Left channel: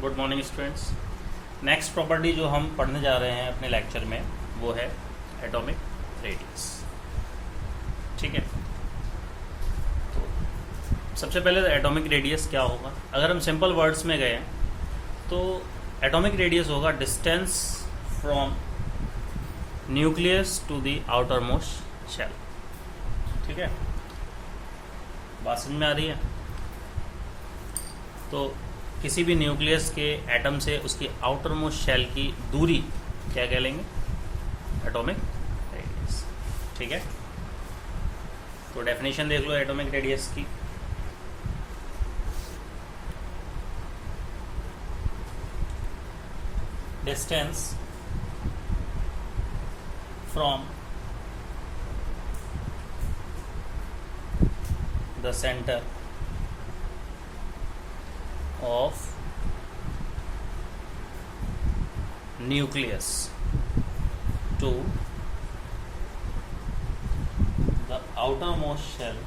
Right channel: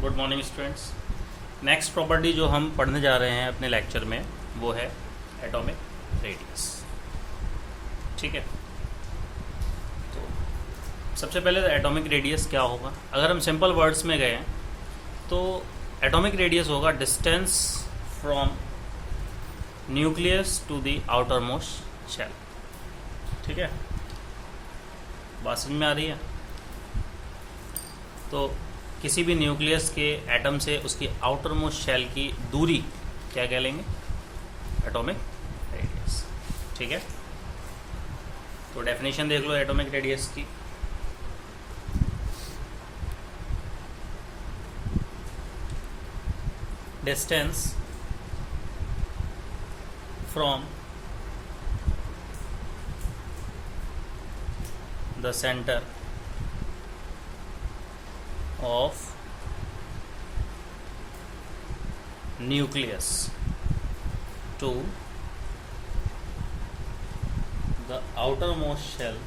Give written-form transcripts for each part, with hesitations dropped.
Good morning students. Next property जो हम पढ़ने जा रहे हैं अपने लेक्चर में वो है एटॉमिक रेडियस। ठीक है, तो सबसे पहले तो एटॉमिक रेडियस क्या होगा। अगर हम सिंपल वर्ड्स में गए तो एटॉमिक रेडियस होगा distance from nucleus to the outer most shell. ठीक है, बात समझ में आ रही है। तो किसी भी न्यूक्लियस के एटम से उसकी आउटर मोस्ट शेल की दूरी क्या कह लेंगे, एटॉमिक रेडियस। ठीक है, तो डेफिनेशन देख लो एटॉमिक रेडियस की। Distance from the centre of nucleus to the outermost shell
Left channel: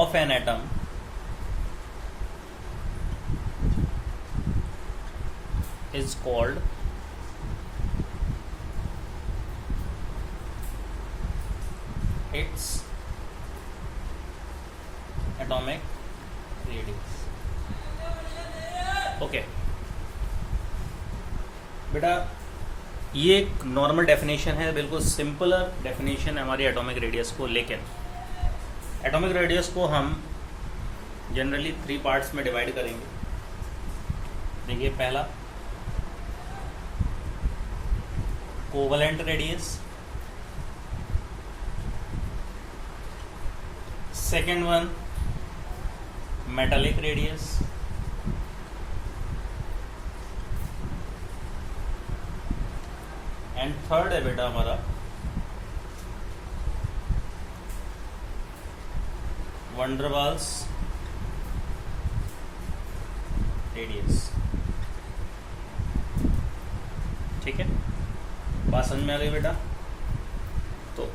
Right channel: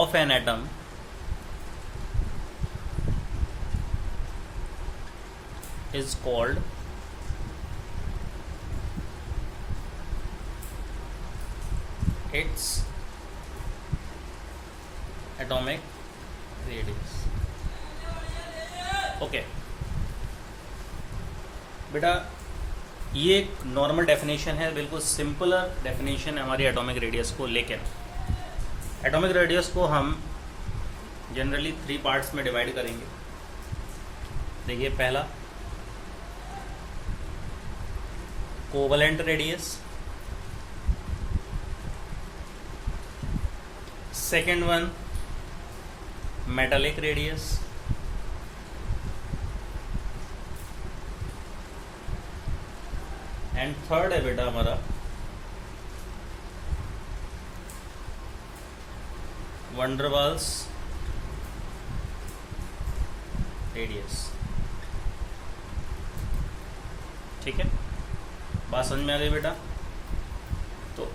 of an atom is called its atomic radius। Okay बेटा, ये एक नॉर्मल डेफिनेशन है, बिल्कुल सिंपलर डेफिनेशन है हमारी एटॉमिक रेडियस को। लेकिन एटॉमिक रेडियस को हम जनरली 3 पार्ट्स में डिवाइड करेंगे। देखिए, पहला covalent radius, second one metallic radius, and third है बेटा हमारा वंडरवाल्स रेडियस। ठीक है, बात समझ में आ गई बेटा। तो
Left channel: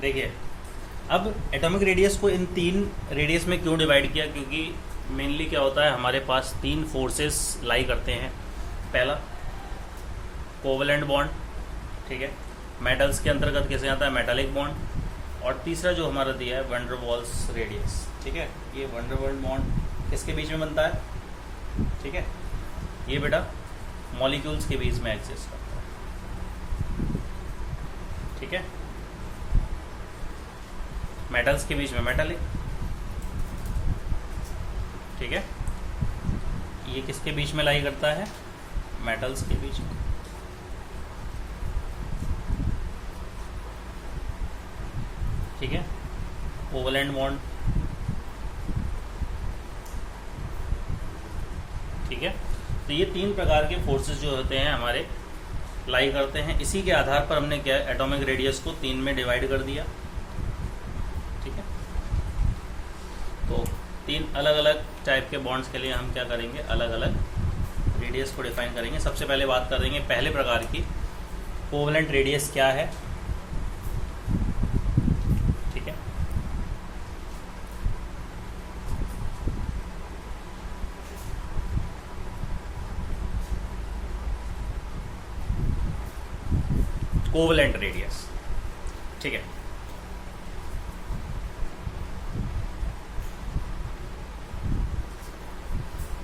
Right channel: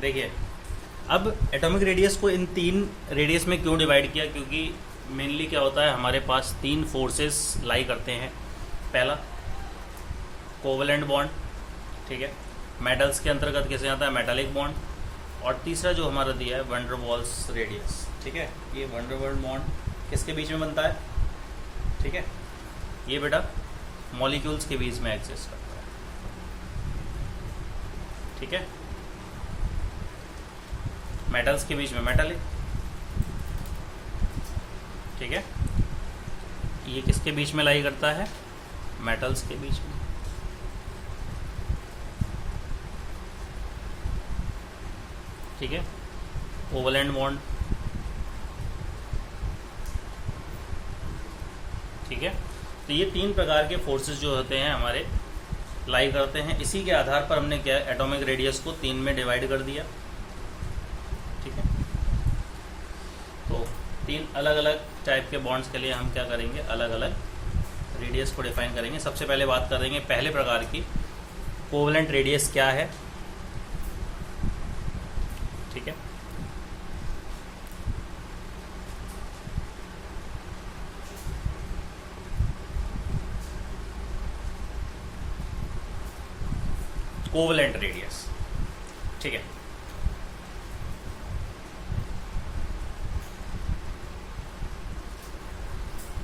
देखिए, अब एटॉमिक रेडियस को इन 3 रेडियस में क्यों डिवाइड किया, क्योंकि मेनली क्या होता है, हमारे पास 3 फोर्सेस लाई करते हैं। पहला कोवलेंट बॉन्ड, ठीक है, मेटल्स के अंतर्गत कैसे आता है, मेटालिक बॉन्ड। और तीसरा जो हमारा दिया है वंडरवाल्स रेडियस। ठीक है, ये वंडरवाल बॉन्ड किसके बीच में बनता है, ठीक है, ये बेटा मॉलिक्यूल्स के बीच में एग्जिस्ट करता है। ठीक है, मेटल्स के बीच में मेटालिक। ठीक है, ये किसके बीच में लाई करता है, मेटल्स के बीच में। ठीक है, कोवलेंट बॉन्ड। ठीक है, तो ये 3 प्रकार के फोर्सेस जो होते हैं हमारे लाई करते हैं। इसी के आधार पर हमने क्या एटॉमिक रेडियस को 3 में डिवाइड कर दिया। ठीक है, तो 3 अलग अलग टाइप के बॉन्ड्स के लिए हम क्या करेंगे, अलग अलग रेडियस को डिफाइन करेंगे। सबसे पहले बात करेंगे पहले प्रकार की, कोवलेंट रेडियस क्या है। ठीक है, कोवलेंट रेडियस। ठीक है,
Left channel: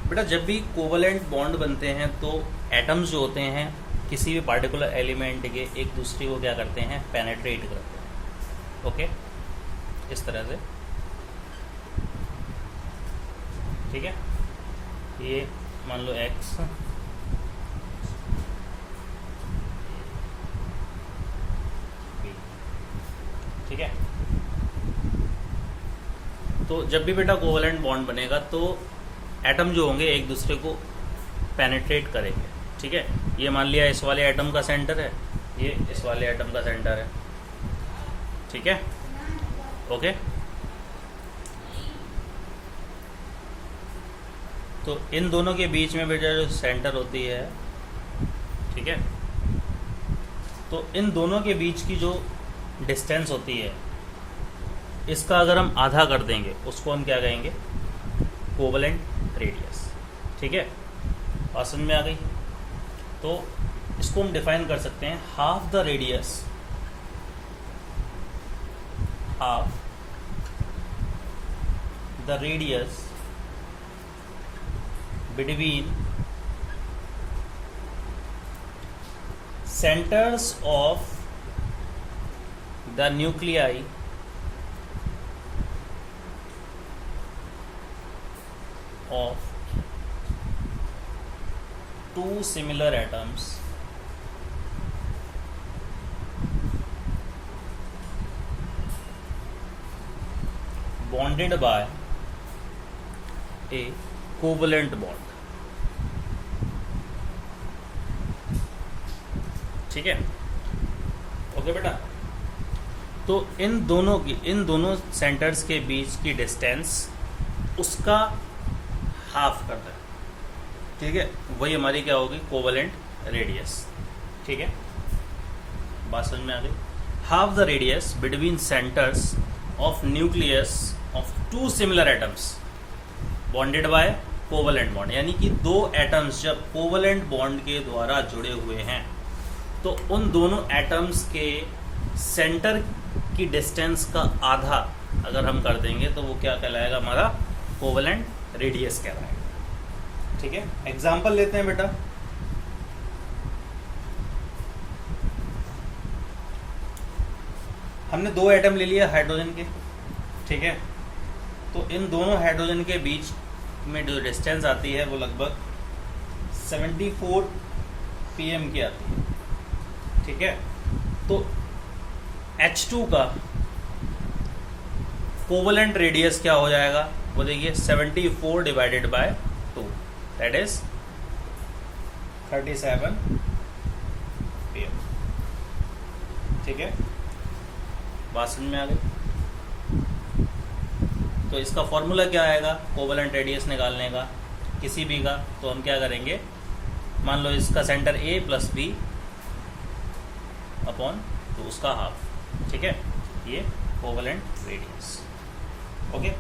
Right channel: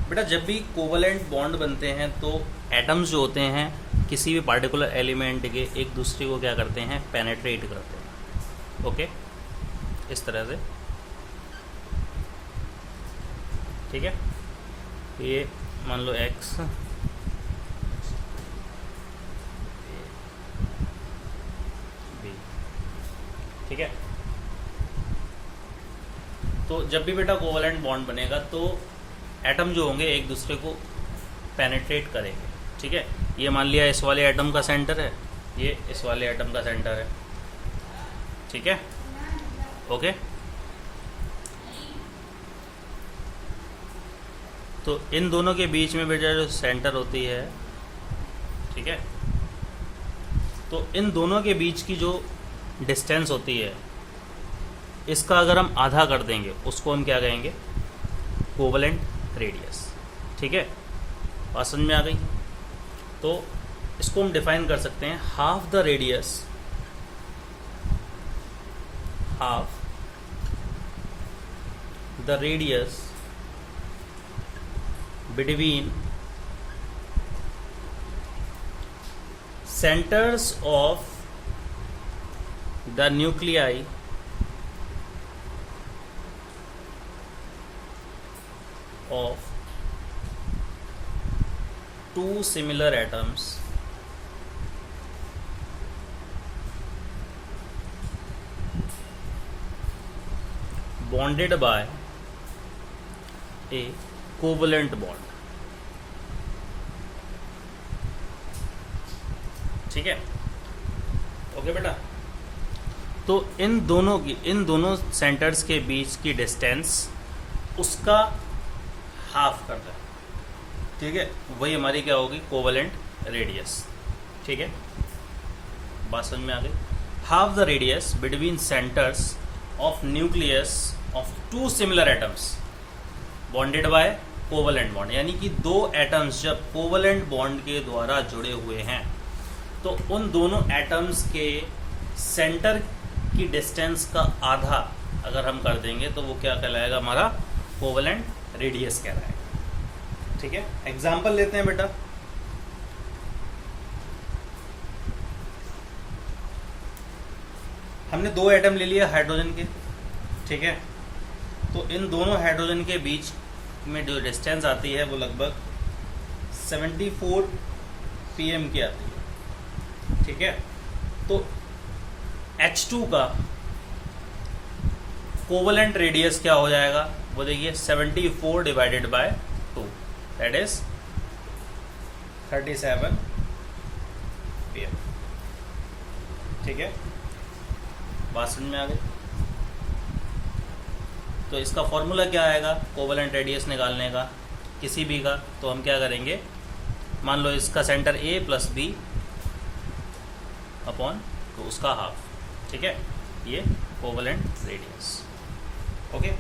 बेटा जब भी कोवलेंट बॉन्ड बनते हैं तो एटम्स जो होते हैं किसी भी पार्टिकुलर एलिमेंट के एक दूसरे को क्या करते हैं, पेनेट्रेट करते हैं। ओके, इस तरह से। ठीक है, ये मान लो एक्स, बी। ठीक है, तो जब भी बेटा कोवलेंट बॉन्ड बनेगा तो एटम जो होंगे एक दूसरे को पेनेट्रेट करेंगे। ठीक है, ये मान लिया इस वाले एटम का सेंटर है, ये इस वाले एटम का सेंटर है। ठीक है, ओके। तो इन दोनों के बीच में बेटा जो सेंटर होती है, ठीक है, तो इन दोनों के बीच की जो डिस्टेंस होती है, इसका अगर हम आधा कर देंगे उसको हम क्या कहेंगे, कोवलेंट रेडियस। ठीक है, और समझ में आ गई। तो इसको हम डिफाइन कर सकते हैं, half the radius, half the radius between centers of the nuclei of two similar atoms bonded by a covalent bond। ठीक है, ओके बेटा। तो इन दोनों सेंटर्स के बीच की डिस्टेंस उसका हाफ कर दें। ठीक है, वही हमारी क्या होगी, कोवलेंट रेडियस। ठीक है, बात समझ में आ गई। Half the radius between centres of nucleus of two similar atoms bonded by covalent bond, यानी कि दो एटम्स जब कोवलेंट बॉन्ड के द्वारा जुड़े हुए हैं तो उन दोनों एटम्स के सेंटर की डिस्टेंस का आधा अगर हम कर देंगे तो वो क्या कहलाएगा, हमारा कोवलेंट रेडियस कहलाएगा। ठीक है, एग्जांपल लेते हैं बेटा। हमने दो एटम ले लिया हाइड्रोजन के। ठीक है, तो इन दोनों हाइड्रोजन के बीच में जो डिस्टेंस आती है वो लगभग 74 pm की आती है। ठीक है, तो H2 का कोवलेंट रेडियस क्या हो जाएगा, वो देखिए 74 divided by 2 that is 37 pm। ठीक है, बात समझ में आ गई। तो इसका फॉर्मूला क्या आएगा कोवलेंट रेडियस निकालने का किसी भी का, तो हम क्या करेंगे, मान लो इसका centre A plus B upon तो उसका हाफ। ठीक है, ये कोवलेंट रेडियस। ओके,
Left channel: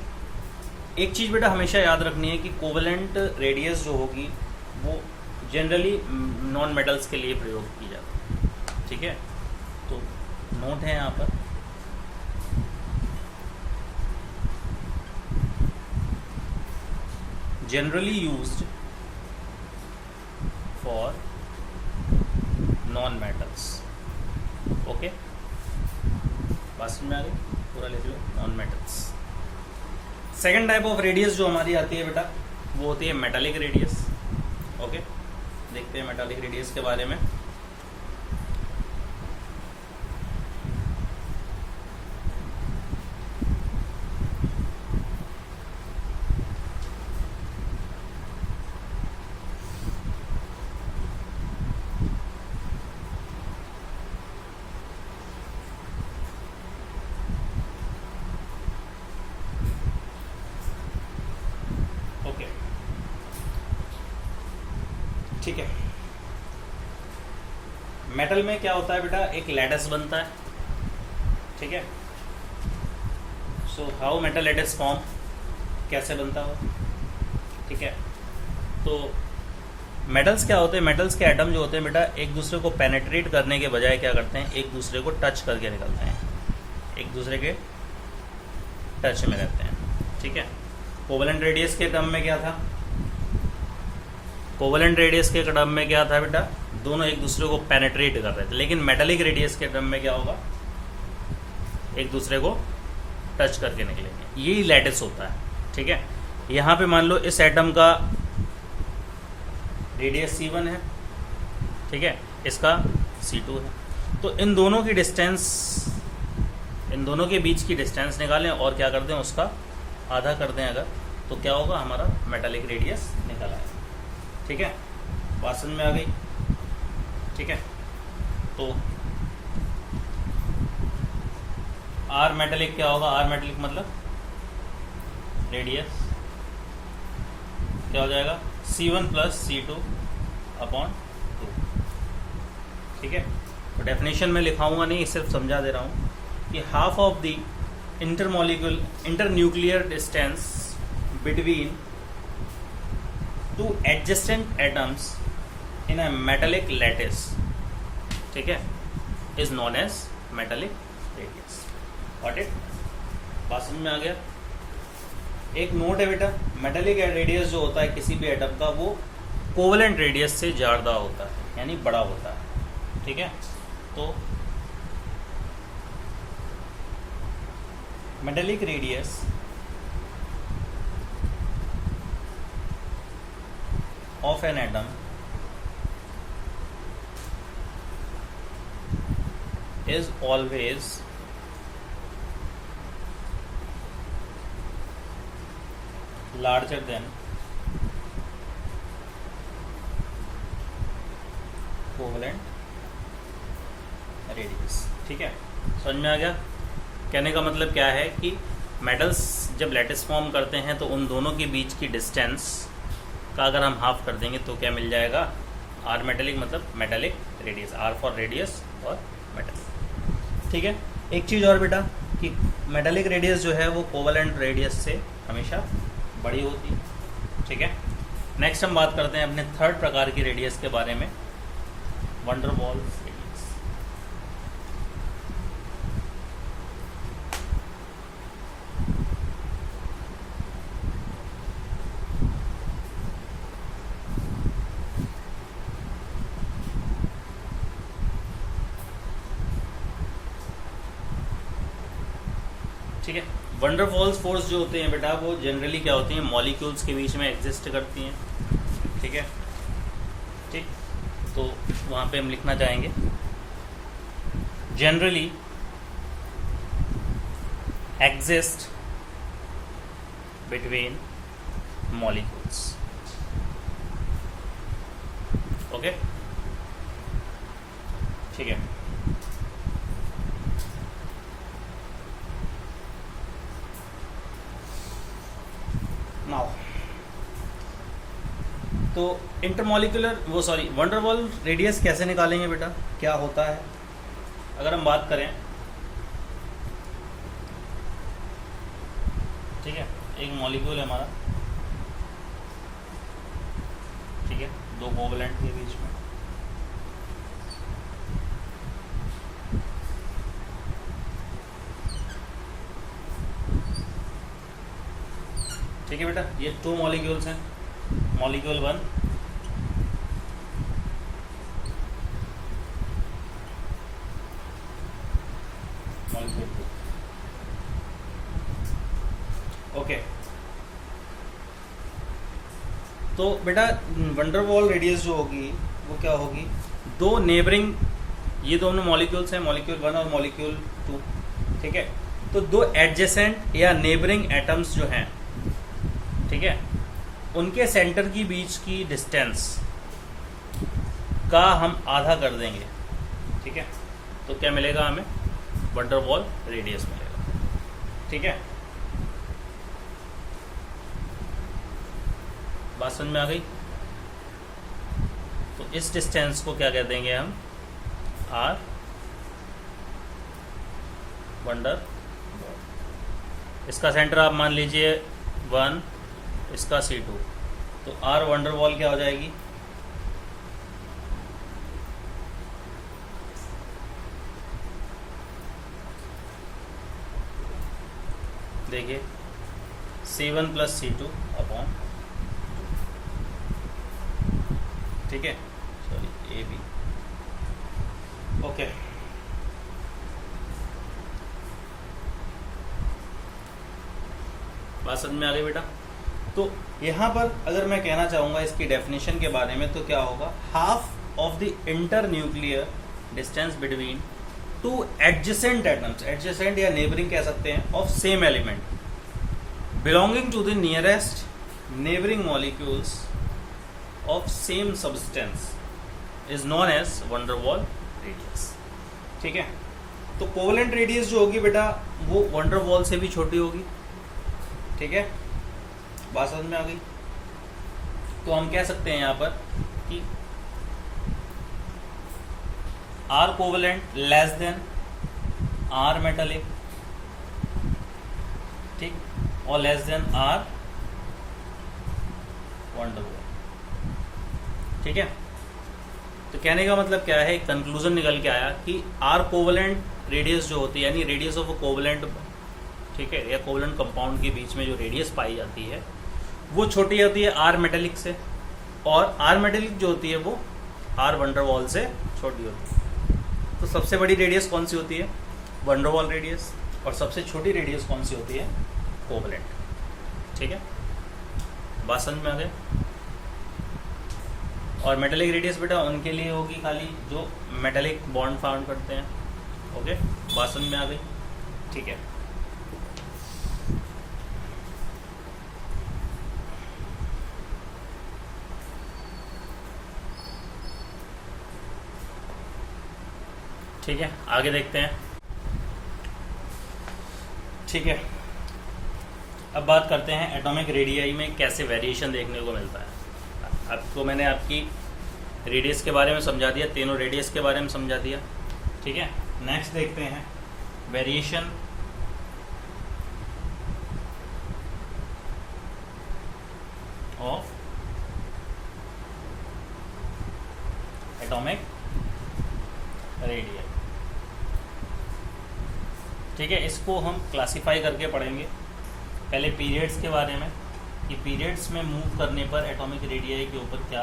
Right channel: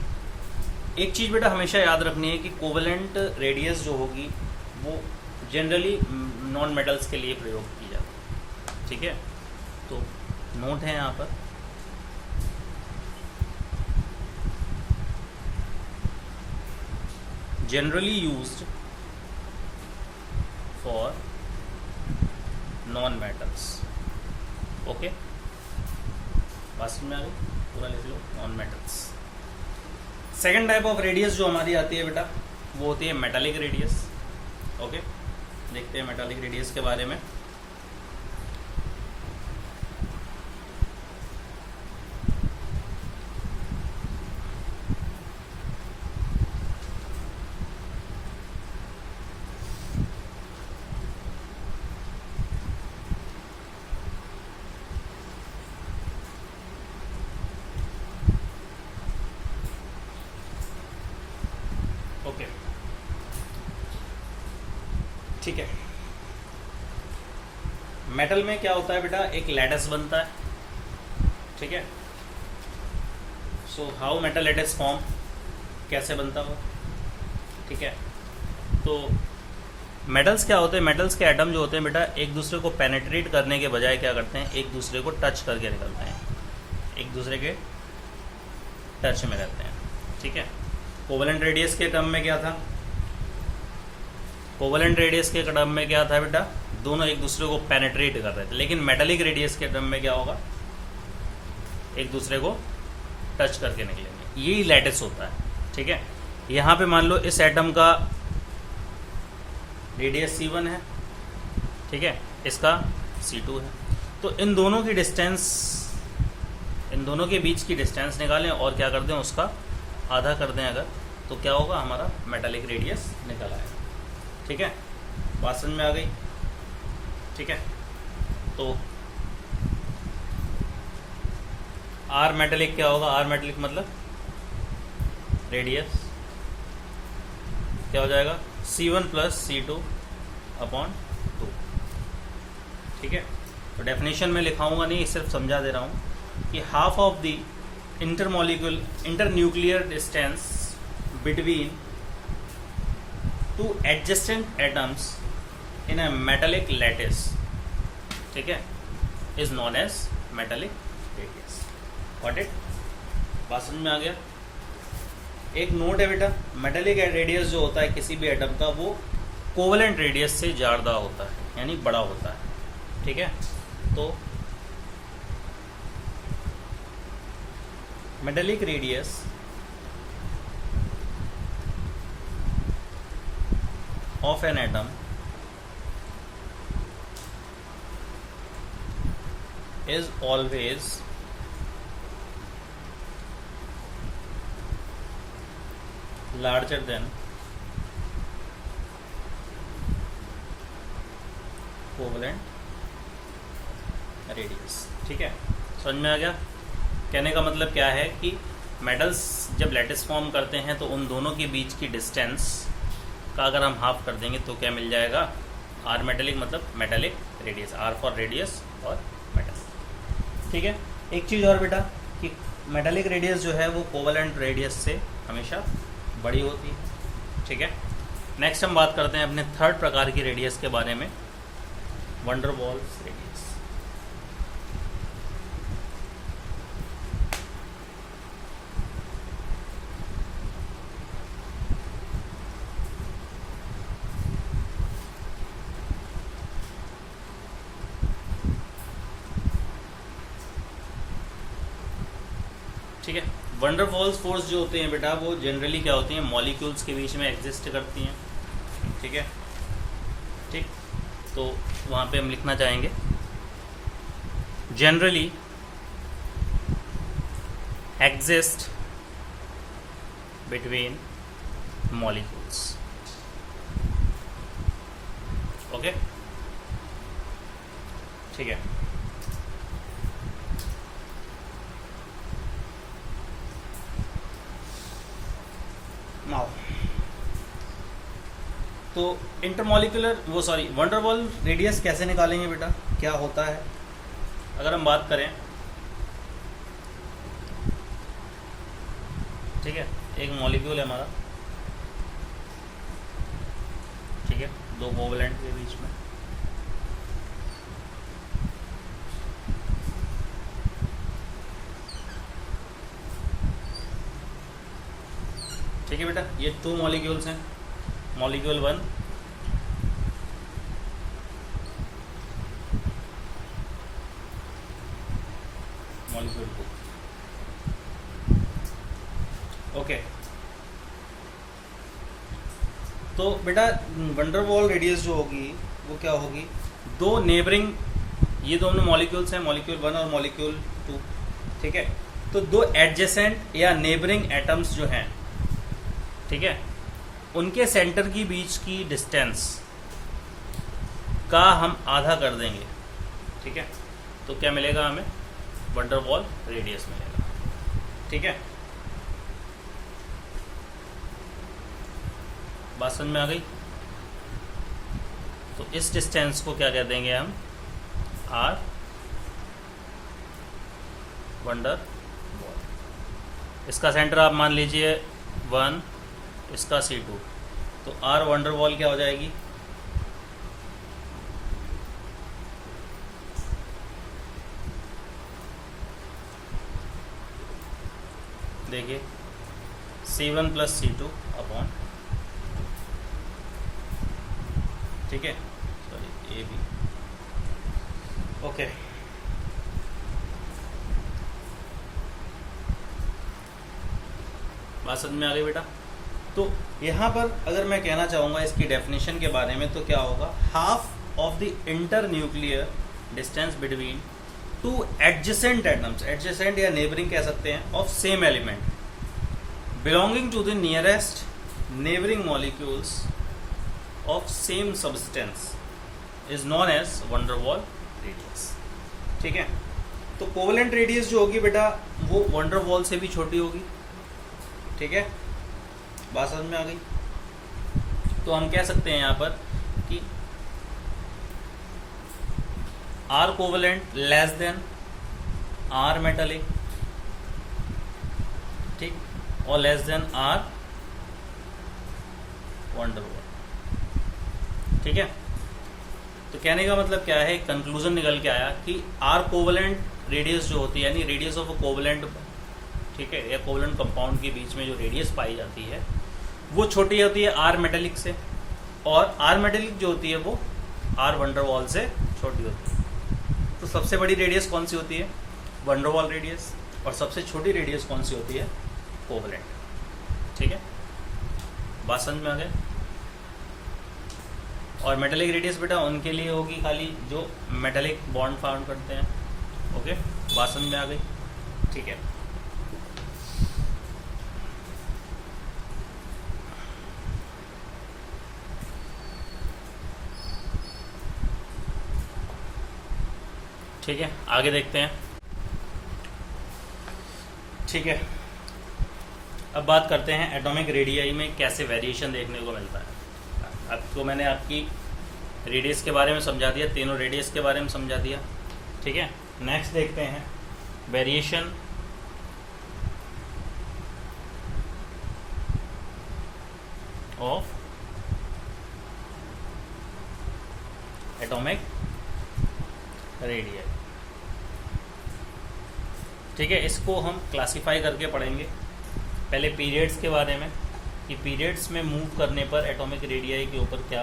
एक चीज बेटा हमेशा याद रखनी है कि कोवलेंट रेडियस जो होगी वो जनरली नॉन मेटल्स के लिए प्रयोग की जाती है। ठीक है, तो नोट है यहाँ पर, generally used for non metals. Okay, बात में आ गई, पूरा लिख लो, non metals. Second type of radius जो हमारी आती है बेटा वो होती है मेटालिक रेडियस। ओके, देखते हैं मेटालिक रेडियस के बारे में। ओके, ठीक है, मेटल में क्या होता है बेटा, एक लैटिस बनता है। ठीक है, so how metal lattice form, कैसे बनता हो। ठीक है, तो मेटल्स क्या होते हैं, मेटल्स के एटम जो होते हैं बेटा एक दूसरे को पेनेट्रेट करने के बजाय क्या करते हैं, एक दूसरे को टच करके निकलते हैं, एक दूसरे के टच में रहते हैं। ठीक है, कोवलेंट रेडियस के टर्म में क्या था, कोवलेंट रेडियस के टर्म में क्या था बेटा, दोनों एक दूसरे को पेनेट्रेट कर रहे थे। लेकिन मेटालिक रेडियस के टर्म में क्या होगा, एक दूसरे को टच करके निकलेंगे, यही लैटिस होता है। ठीक है, यहां पे मान लो इस एटम का रेडियस C1 है। ठीक है, इसका C2 है, तो इन दोनों की डिस्टेंस, इन दोनों के बीच की डिस्टेंस निकालें और क्या कर दें, उसका आधा कर दें अगर, तो क्या होगा, हमारा मेटालिक रेडियस निकल आएगा। ठीक है, बात समझ में आ गई। ठीक है, तो आर मेटालिक क्या होगा, आर मेटालिक मतलब रेडियस क्या हो जाएगा, C1 प्लस C2 अपॉन 2। ठीक है, तो डेफिनेशन में लिखाऊंगा नहीं, सिर्फ समझा दे रहा हूं। कि half of the internuclear distance between two adjacent atoms in a metallic lattice, ठीक है, is known as metallic radius. What it, बात समझ में आ गया? एक नोट है बेटा, मेटालिक रेडियस जो होता है किसी भी एटम का वो कोवेलेंट रेडियस से ज्यादा होता है, यानी बड़ा होता है, ठीक है। तो metallic radius of an atom is always larger than covalent radius, ठीक है। समझ में आ गया? कहने का मतलब क्या है कि मेटल्स जब लैटिस फॉर्म करते हैं तो उन दोनों के बीच की डिस्टेंस का अगर हम हाफ कर देंगे तो क्या मिल जाएगा? आर मेटेलिक, मतलब metallic radius, R for radius और मेटेलिक, ठीक है। एक चीज़ और बेटा कि मेटालिक रेडियस जो है वो कोवेलेंट रेडियस से हमेशा बड़ी होती है, ठीक है। नेक्स्ट हम बात करते हैं अपने थर्ड प्रकार की रेडियस के बारे में, वंडर वॉल्स रेडियस। ठीक है, वंडरवॉल्स फोर्स जो होते हैं बेटा वो जनरली क्या होती हैं? मॉलिक्यूल्स के बीच में एग्जिस्ट करती हैं, ठीक है। ठीक, तो वहां पे हम लिखना चाहेंगे generally exist between molecules, okay, ठीक है। नाउ तो इंटरमॉलिक्यूलर वंडरवॉल रेडियस कैसे निकालेंगे बेटा? क्या होता है अगर हम बात करें, ठीक है, एक मॉलिक्यूल है हमारा, ठीक है, दो कोवेलेंट के बीच में, ठीक है बेटा। ये 2 मॉलिक्यूल्स हैं, मॉलिक्यूल 1 मॉलिक्यूल 2, ओके। तो बेटा वंडरवॉल रेडियस जो होगी वो क्या होगी? दो नेबरिंग, ये दोनों मॉलिक्यूल्स हैं, मॉलिक्यूल 1 और मॉलिक्यूल 2, ठीक है। तो दो एडजेसेंट या नेबरिंग एटम्स जो हैं, ठीक है, उनके सेंटर की बीच की डिस्टेंस का हम आधा कर देंगे, ठीक है। तो क्या मिलेगा हमें? वंडरवॉल रेडियस मिलेगा, ठीक है। बात समझ में आ गई? तो इस डिस्टेंस को क्या कह देंगे हम? Are van der Waals. इसका सेंटर आप मान लीजिए 1, इसका C2, तो आर वंडरवॉल क्या हो जाएगी? देखिए C1 + C2 अपॉन, ठीक है, सॉरी AB, ओके। बात समझ में आ गई बेटा? तो यहां पर अगर मैं कहना चाहूंगा इसकी डेफिनेशन के बारे में तो क्या होगा? Half of the inter nuclear distance between 2 adjacent atoms, adjacent या नेबरिंग कह सकते हैं, of same element belonging to the nearest neighbouring molecules of same substance is known as van der Waals radius, ठीक है। तो कोवेलेंट रेडियस जो होगी बेटा वो वंडरवॉल से भी छोटी होगी, ठीक है। बात समझ में आ गई? तो हम कह सकते हैं यहां पर कि R covalent less than R metallic, ठीक, और लेस देन आर वंडरवॉल। ठीक है, तो कहने का मतलब क्या है, कंक्लूजन निकल के आया कि आर कोवलेंट रेडियस जो होती है, यानी रेडियस ऑफ अ कोवलेंट, ठीक है, या कोवलेंट कंपाउंड के बीच में जो रेडियस पाई जाती है वो छोटी होती है आर मेटालिक से, और आर मेटालिक जो होती है वो आर वंडरवॉल से छोटी होती है। तो सबसे बड़ी रेडियस कौन सी होती है, वंडरवॉल रेडियस, और सबसे छोटी रेडियस कौन सी होती है, कोवलेंट। ठीक है, बात समझ में आ गया। और मेटालिक रेडियस बेटा उनके लिए होगी खाली जो मेटालिक बॉन्ड फाउंड करते हैं। ओके, बात समझ में आ गई। ठीक है, ठीक है, आगे देखते हैं। ठीक है, अब बात करते हैं एटॉमिक रेडियाई में कैसे वेरिएशन देखने को मिलता है। आपको मैंने आपकी रेडियस के बारे में समझा दिया, तीनों रेडियस के बारे में समझा दिया। ठीक है, नेक्स्ट देखते हैं वेरिएशन ऑफ एटॉमिक रेडियाई। ठीक है, इसको हम क्लासिफाई करके पढ़ेंगे। पहले पीरियड्स के बारे में कि पीरियड्स में मूव करने पर एटॉमिक रेडियाई के ऊपर क्या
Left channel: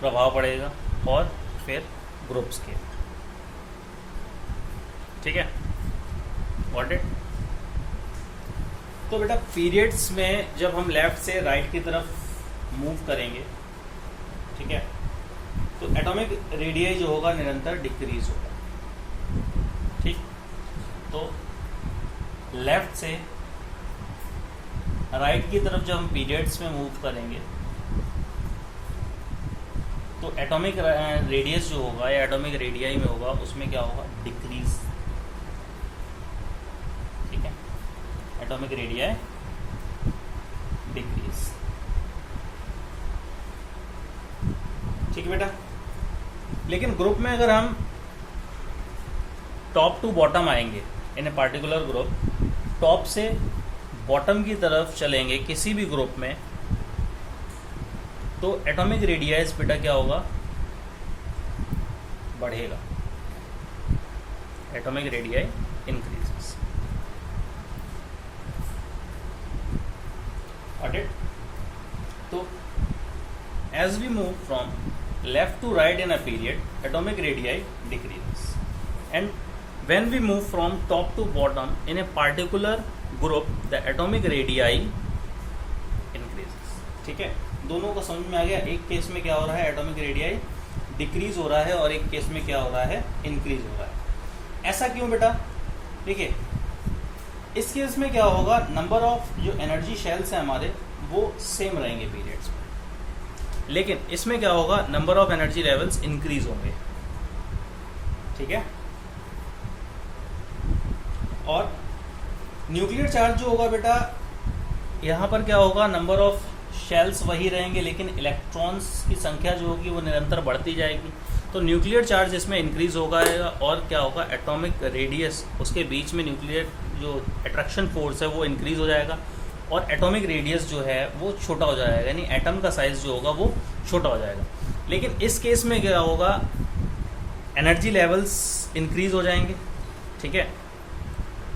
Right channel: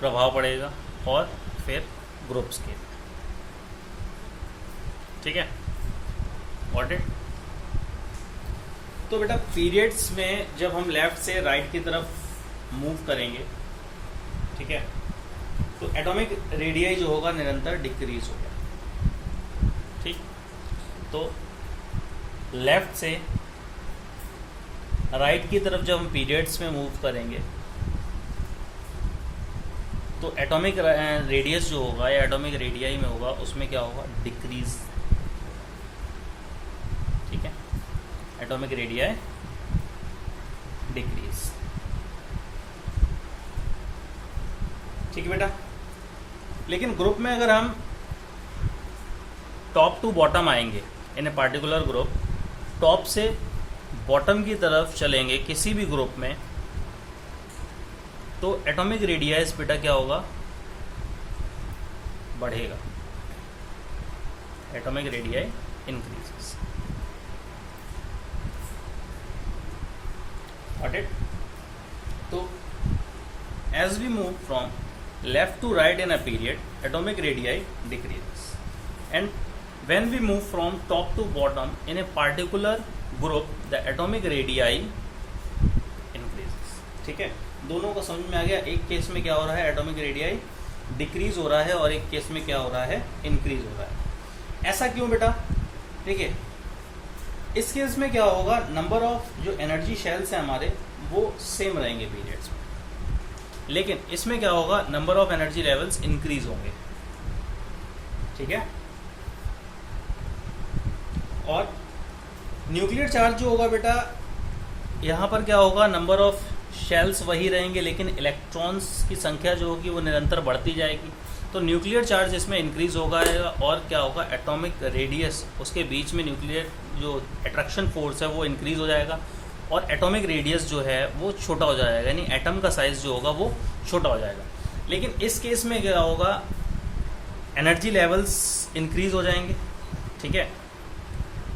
प्रभाव पड़ेगा, और फिर ग्रुप्स के। ठीक है, गॉट इट। तो बेटा पीरियड्स में जब हम लेफ्ट से राइट की तरफ मूव करेंगे, ठीक है, तो एटॉमिक रेडियाई जो होगा निरंतर डिक्रीज होगा। ठीक, तो लेफ्ट से राइट की तरफ जब हम पीरियड्स में मूव करेंगे तो एटॉमिक रेडियस जो होगा या एटॉमिक रेडियाई में होगा उसमें क्या होगा, डिक्रीज। ठीक है, एटॉमिक रेडियाई डिक्रीज। ठीक है बेटा, लेकिन ग्रुप में अगर हम टॉप टू बॉटम आएंगे इन ए पार्टिकुलर ग्रुप, टॉप से बॉटम की तरफ चलेंगे किसी भी ग्रुप में, तो एटॉमिक रेडियस बेटा क्या होगा, बढ़ेगा। Atomic radii increases. Got it. तो as we move from left to right in a period, atomic radii decreases, and when we move from top to bottom in a particular group the atomic radii increases। ठीक है, दोनों को समझ में आ गया। एक case में क्या हो रहा है, एटॉमिक रेडियाई डिक्रीज हो रहा है, और एक केस में क्या हो रहा है, इंक्रीज हो रहा है। ऐसा क्यों बेटा, ठीक है, इस केस में क्या होगा, नंबर ऑफ जो एनर्जी शेल्स है हमारे वो सेम रहेंगे पीरियड्स में, लेकिन इसमें क्या होगा, number of energy levels increase होंगे। ठीक है, और न्यूक्लियर चार्ज जो होगा बेटा, यहाँ पर क्या होगा, नंबर ऑफ शेल्स वही रहेंगे, लेकिन इलेक्ट्रॉन्स की संख्या जो होगी वो निरंतर बढ़ती जाएगी। तो न्यूक्लियर चार्ज इसमें इंक्रीज होगा, और क्या होगा, एटॉमिक रेडियस उसके बीच में न्यूक्लियर जो अट्रैक्शन फोर्स है वो इंक्रीज हो जाएगा, और एटॉमिक रेडियस जो है वो छोटा हो जाएगा, यानी एटम का साइज जो होगा वो छोटा हो जाएगा। लेकिन इस केस में क्या होगा, एनर्जी लेवल्स इंक्रीज हो जाएंगे। ठीक है,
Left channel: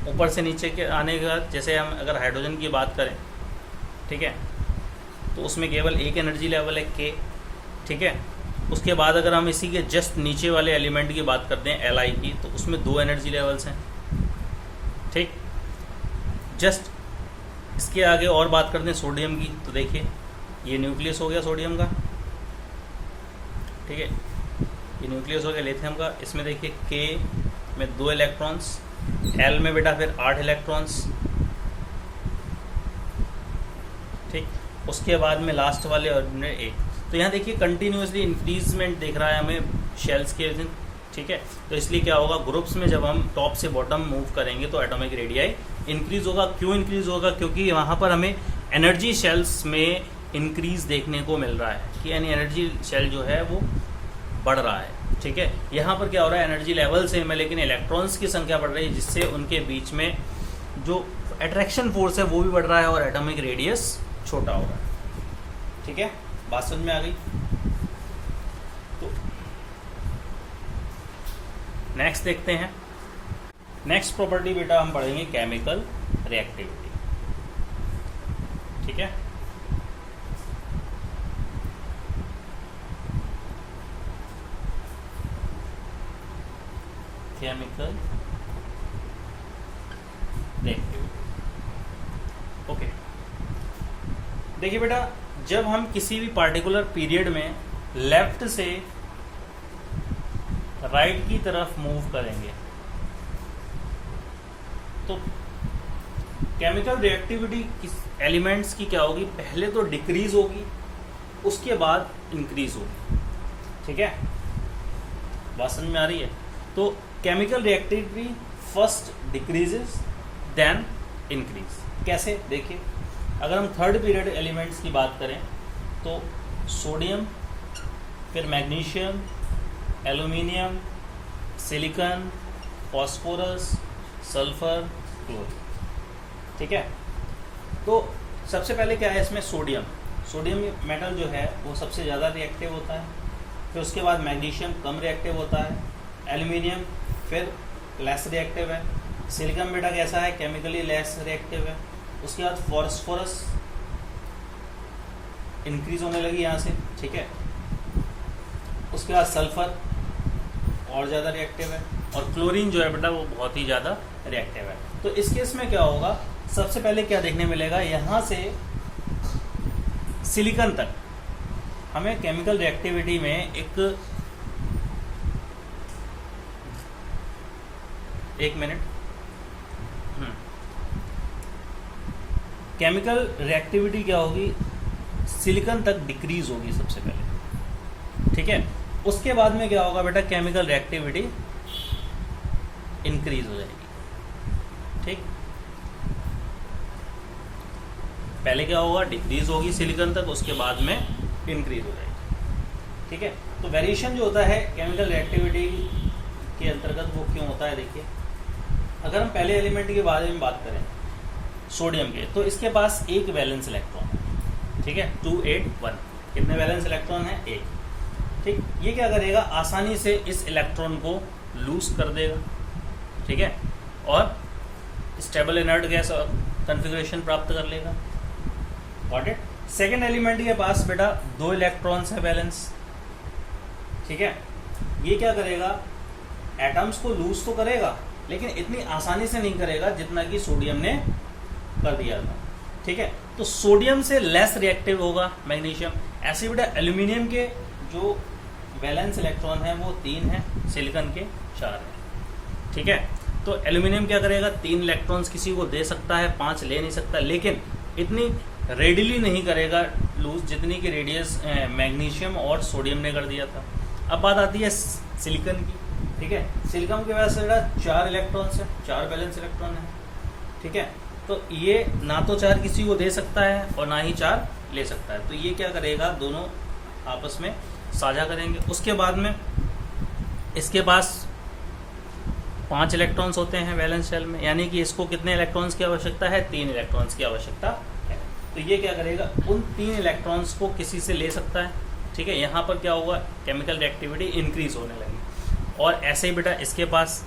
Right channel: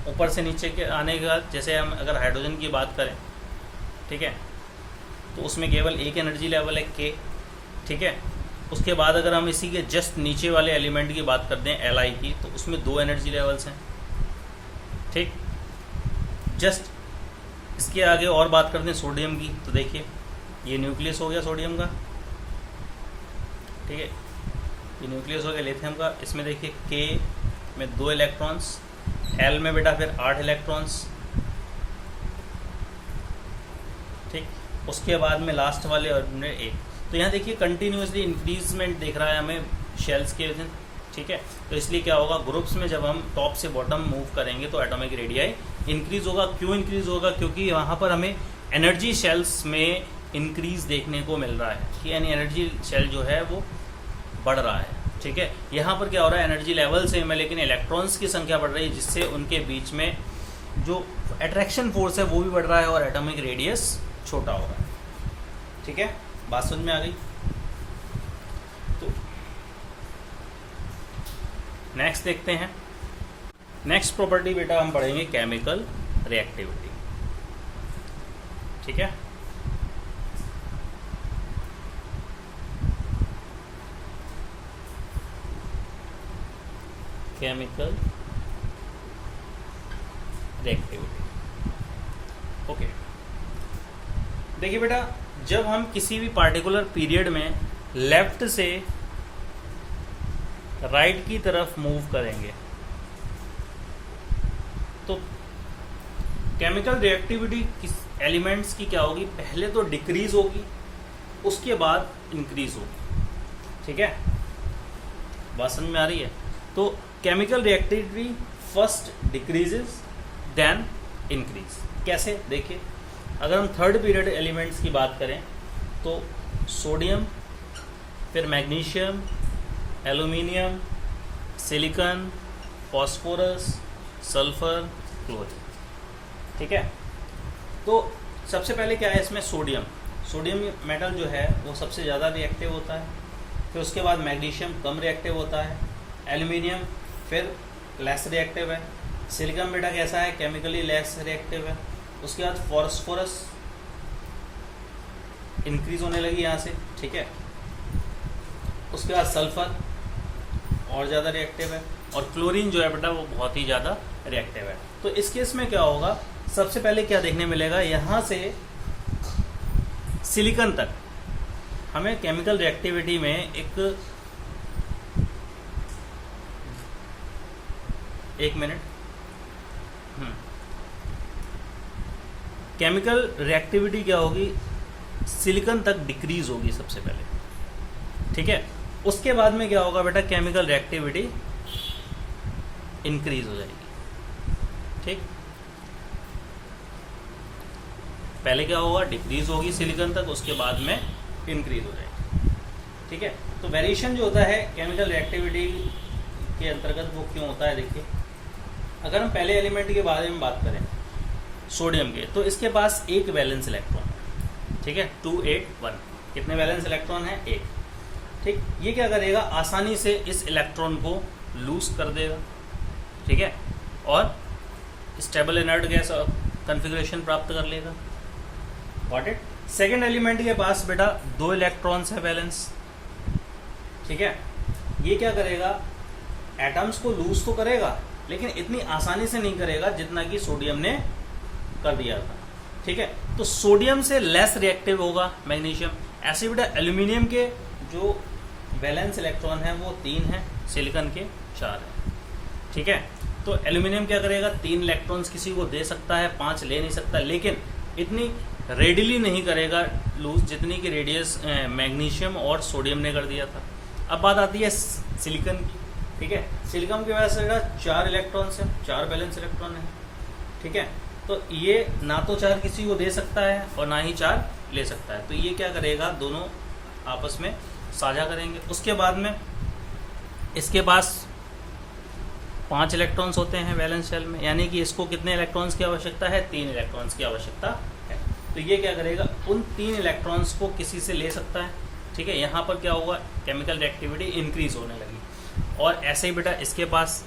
ऊपर से नीचे के आने के बाद, जैसे हम अगर हाइड्रोजन की बात करें, ठीक है, तो उसमें केवल एक एनर्जी लेवल है के। ठीक है, उसके बाद अगर हम इसी के जस्ट नीचे वाले एलिमेंट की बात करते हैं Li की, तो उसमें 2 एनर्जी लेवल्स हैं। ठीक, जस्ट इसके आगे और बात करते हैं सोडियम की, तो देखिए ये न्यूक्लियस हो गया सोडियम का। ठीक है, ये न्यूक्लियस हो गया लिथियम का। इसमें देखिए के में 2 इलेक्ट्रॉन्स, एल में बेटा फिर 8 इलेक्ट्रॉन्स। ठीक, उसके बाद में लास्ट वाले और 1। तो यहाँ देखिए कंटिन्यूसली इंक्रीजमेंट दिख रहा है हमें शेल्स के। ठीक है, तो इसलिए क्या होगा, ग्रुप्स में जब हम टॉप से बॉटम मूव करेंगे तो एटॉमिक रेडियाई इंक्रीज होगा। क्यों इंक्रीज होगा, क्योंकि वहाँ पर हमें एनर्जी शेल्स में इंक्रीज देखने को मिल रहा है, कि यानी एनर्जी शेल जो है वो बढ़ रहा है। ठीक है, यहाँ पर क्या हो रहा है, एनर्जी लेवल सेम है लेकिन इलेक्ट्रॉन्स की संख्या बढ़ रही है, जिससे उनके बीच में जो अट्रैक्शन फोर्स है वो भी बढ़ रहा है और एटॉमिक रेडियस छोटा हो रहा है। ठीक है, बात समझ में आ गई। तो नेक्स्ट देखते हैं। नेक्स्ट प्रॉपर्टी बेटा हम पढ़ेंगे केमिकल रिएक्टिविटी। ठीक है, केमिकल रिएक्टिविटी। ओके, देखिए बेटा, जब हम किसी भी पार्टिकुलर पीरियड में लेफ्ट से राइट की तरफ मूव करेंगे तो केमिकल रिएक्टिविटी किस एलिमेंट्स की क्या होगी, पहले तो डिक्रीज होगी उसके बाद इंक्रीज होगी। ठीक है, बात समझ में आ रही है। तो chemical reactivity first decreases then increase. कैसे, देखिए, अगर हम थर्ड पीरियड एलिमेंट्स की बात करें तो सोडियम, फिर magnesium, aluminium, silicon, phosphorus, sulphur, chlorine. ठीक है, तो सबसे पहले क्या है इसमें, सोडियम मेटल जो है वो सबसे ज़्यादा रिएक्टिव होता है, फिर उसके बाद मैग्नीशियम कम रिएक्टिव होता है, एल्यूमिनियम फिर लेस रिएक्टिव है, सिलिकॉन बेटा कैसा है, केमिकली लेस रिएक्टिव है, उसके बाद फॉस्फोरस इंक्रीज होने लगी यहाँ से। ठीक है, उसके बाद सल्फर और ज़्यादा रिएक्टिव है, और क्लोरीन जो है बेटा वो बहुत ही ज़्यादा रिएक्टिव है। तो इस केस में क्या होगा, सबसे पहले क्या देखने मिलेगा, यहाँ से सिलिकॉन तक हमें केमिकल रिएक्टिविटी में एक मिनट, केमिकल रिएक्टिविटी क्या होगी, सिलिकॉन तक डिक्रीज होगी सबसे पहले। ठीक है, उसके बाद में क्या होगा बेटा, केमिकल रिएक्टिविटी इंक्रीज हो जाएगी। ठीक, पहले क्या होगा, डिक्रीज होगी सिलिकॉन तक, उसके बाद में इंक्रीज हो जाएगी। ठीक है, तो वेरिएशन जो होता है केमिकल रिएक्टिविटी के अंतर्गत वो क्यों होता है, देखिए, अगर हम पहले एलिमेंट के बारे में बात करें सोडियम के, तो इसके पास एक वैलेंस इलेक्ट्रॉन है। ठीक है, 281, कितने वैलेंस इलेक्ट्रॉन है, एक। ठीक, ये क्या करेगा, आसानी से इस इलेक्ट्रॉन को लूज कर देगा। ठीक है, और स्टेबल इनर्ट गैस कॉन्फ़िगरेशन प्राप्त कर लेगा। Got it. सेकेंड एलिमेंट के पास बेटा 2 इलेक्ट्रॉन्स है बैलेंस। ठीक है, ये क्या करेगा, एटम्स को लूज तो करेगा लेकिन इतनी आसानी से नहीं करेगा जितना कि सोडियम ने कर दिया था। ठीक है, तो सोडियम से लेस रिएक्टिव होगा मैग्नीशियम। ऐसे बेटा एल्यूमिनियम के जो वैलेंस इलेक्ट्रॉन है वो 3 है, सिलिकॉन के 4 है। ठीक है, तो एल्यूमिनियम क्या करेगा, 3 इलेक्ट्रॉन्स किसी को दे सकता है, 5 ले नहीं सकता, लेकिन इतनी रेडिली नहीं करेगा लूज जितनी की रेडियस मैग्नीशियम और सोडियम ने कर दिया था। अब बात आती है सिलिकॉन की। ठीक है, सिलिकॉन के वजह से 4 इलेक्ट्रॉन्स है, 4 बैलेंस इलेक्ट्रॉन है। ठीक है, तो ये ना तो 4 किसी को दे सकता है और ना ही 4 ले सकता है, तो ये क्या करेगा, दोनों आपस में साझा करेंगे। उसके बाद में इसके पास 5 इलेक्ट्रॉन्स होते हैं वैलेंस शेल में, यानी कि इसको कितने इलेक्ट्रॉन्स की आवश्यकता है, 3 इलेक्ट्रॉन्स की आवश्यकता है। तो ये क्या करेगा, उन 3 इलेक्ट्रॉन्स को किसी से ले सकता है। ठीक है, यहाँ पर क्या होगा, केमिकल रिएक्टिविटी इंक्रीज होने लगी। और ऐसे ही बेटा इसके पास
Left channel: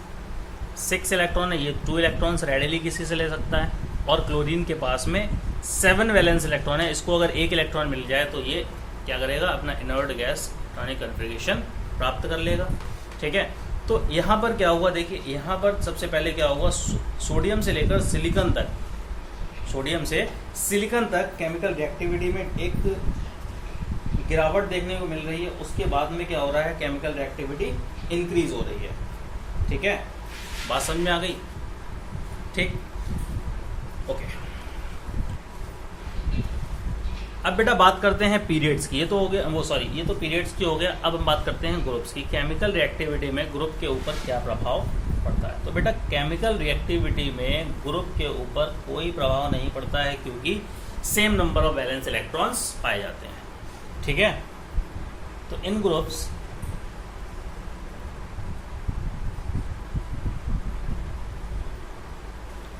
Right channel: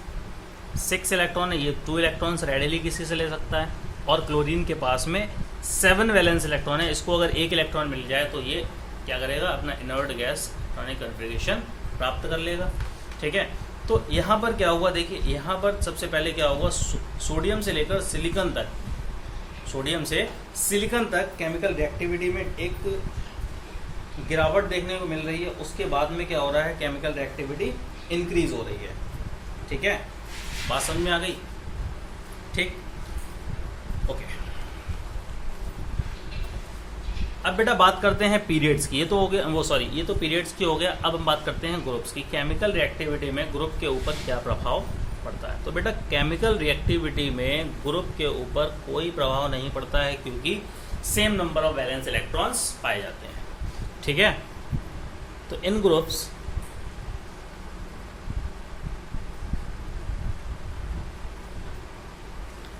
6 इलेक्ट्रॉन है, ये 2 इलेक्ट्रॉन्स रेडिली किसी से ले सकता है। और क्लोरीन के पास में 7 वैलेंस इलेक्ट्रॉन है, इसको अगर 1 इलेक्ट्रॉन मिल जाए तो ये क्या करेगा, अपना इनर्ट गैस इलेक्ट्रॉनिक कॉन्फ़िगरेशन प्राप्त कर लेगा। ठीक है, तो यहाँ पर क्या हुआ, देखिए यहाँ पर सबसे पहले क्या हुआ, सोडियम से लेकर सिलिकॉन तक, सोडियम से सिलिकॉन तक केमिकल रिएक्टिविटी में एक गिरावट देखने को मिल रही है। उसके बाद में क्या हो रहा है, केमिकल रिएक्टिविटी इंक्रीज हो रही है। ठीक है, बात समझ में आ गई। ठीक, ओके। अब बेटा बात करते हैं पीरियड्स की। ये तो हो गया, वो सॉरी, ये तो पीरियड्स की हो गया। अब हम बात करते हैं ग्रुप्स की। केमिकल रिएक्टिविटी में ग्रुप के ऊपर क्या प्रभाव पड़ता है। तो बेटा केमिकल रिएक्टिविटी में ग्रुप के ऊपर कोई प्रभाव नहीं पड़ता है, क्योंकि same number of valence electrons पाए जाते हैं। ठीक है, तो इन groups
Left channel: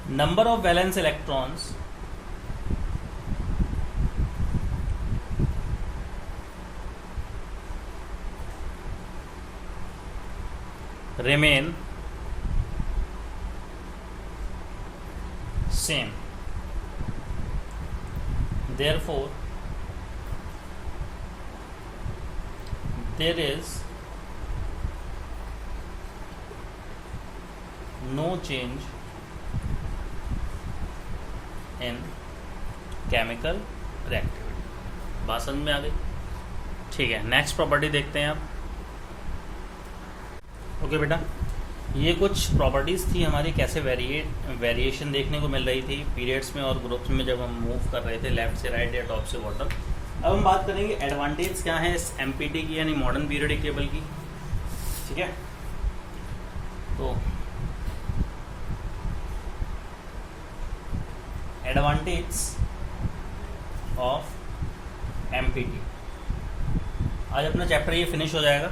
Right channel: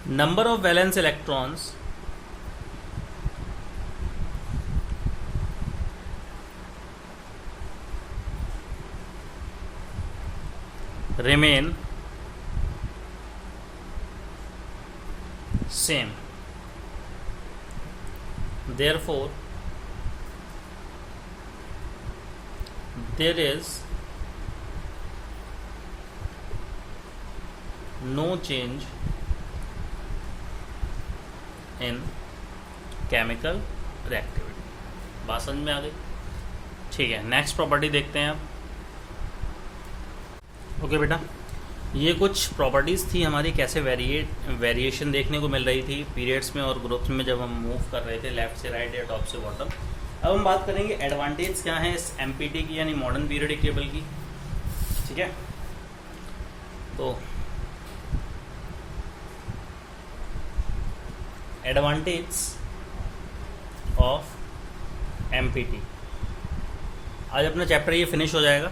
number of valence electrons remain same. Therefore, there is no change in chemical reactivity. बात समझ में आ गई? ठीक है, नेक्स्ट प्रॉपर्टी देखते हैं आप. ओके बेटा, ये कुछ प्रॉपर्टीज़ थी हमारी, कैसे वेरिएशन देखने को मिल रही थी पीरियड्स में और ग्रुप्स में जब हम मूव कर रहे थे लेफ्ट से राइट या टॉप से बॉटम. अब हम बात करेंगे एडवांटेज क्या है इस एमपीटी की यानी मॉडर्न पीरियोडिक टेबल की. ठीक है, तो एडवांटेज ऑफ एमपीटी, आज अपना चैप्टर ये फिनिश हो जाएगा.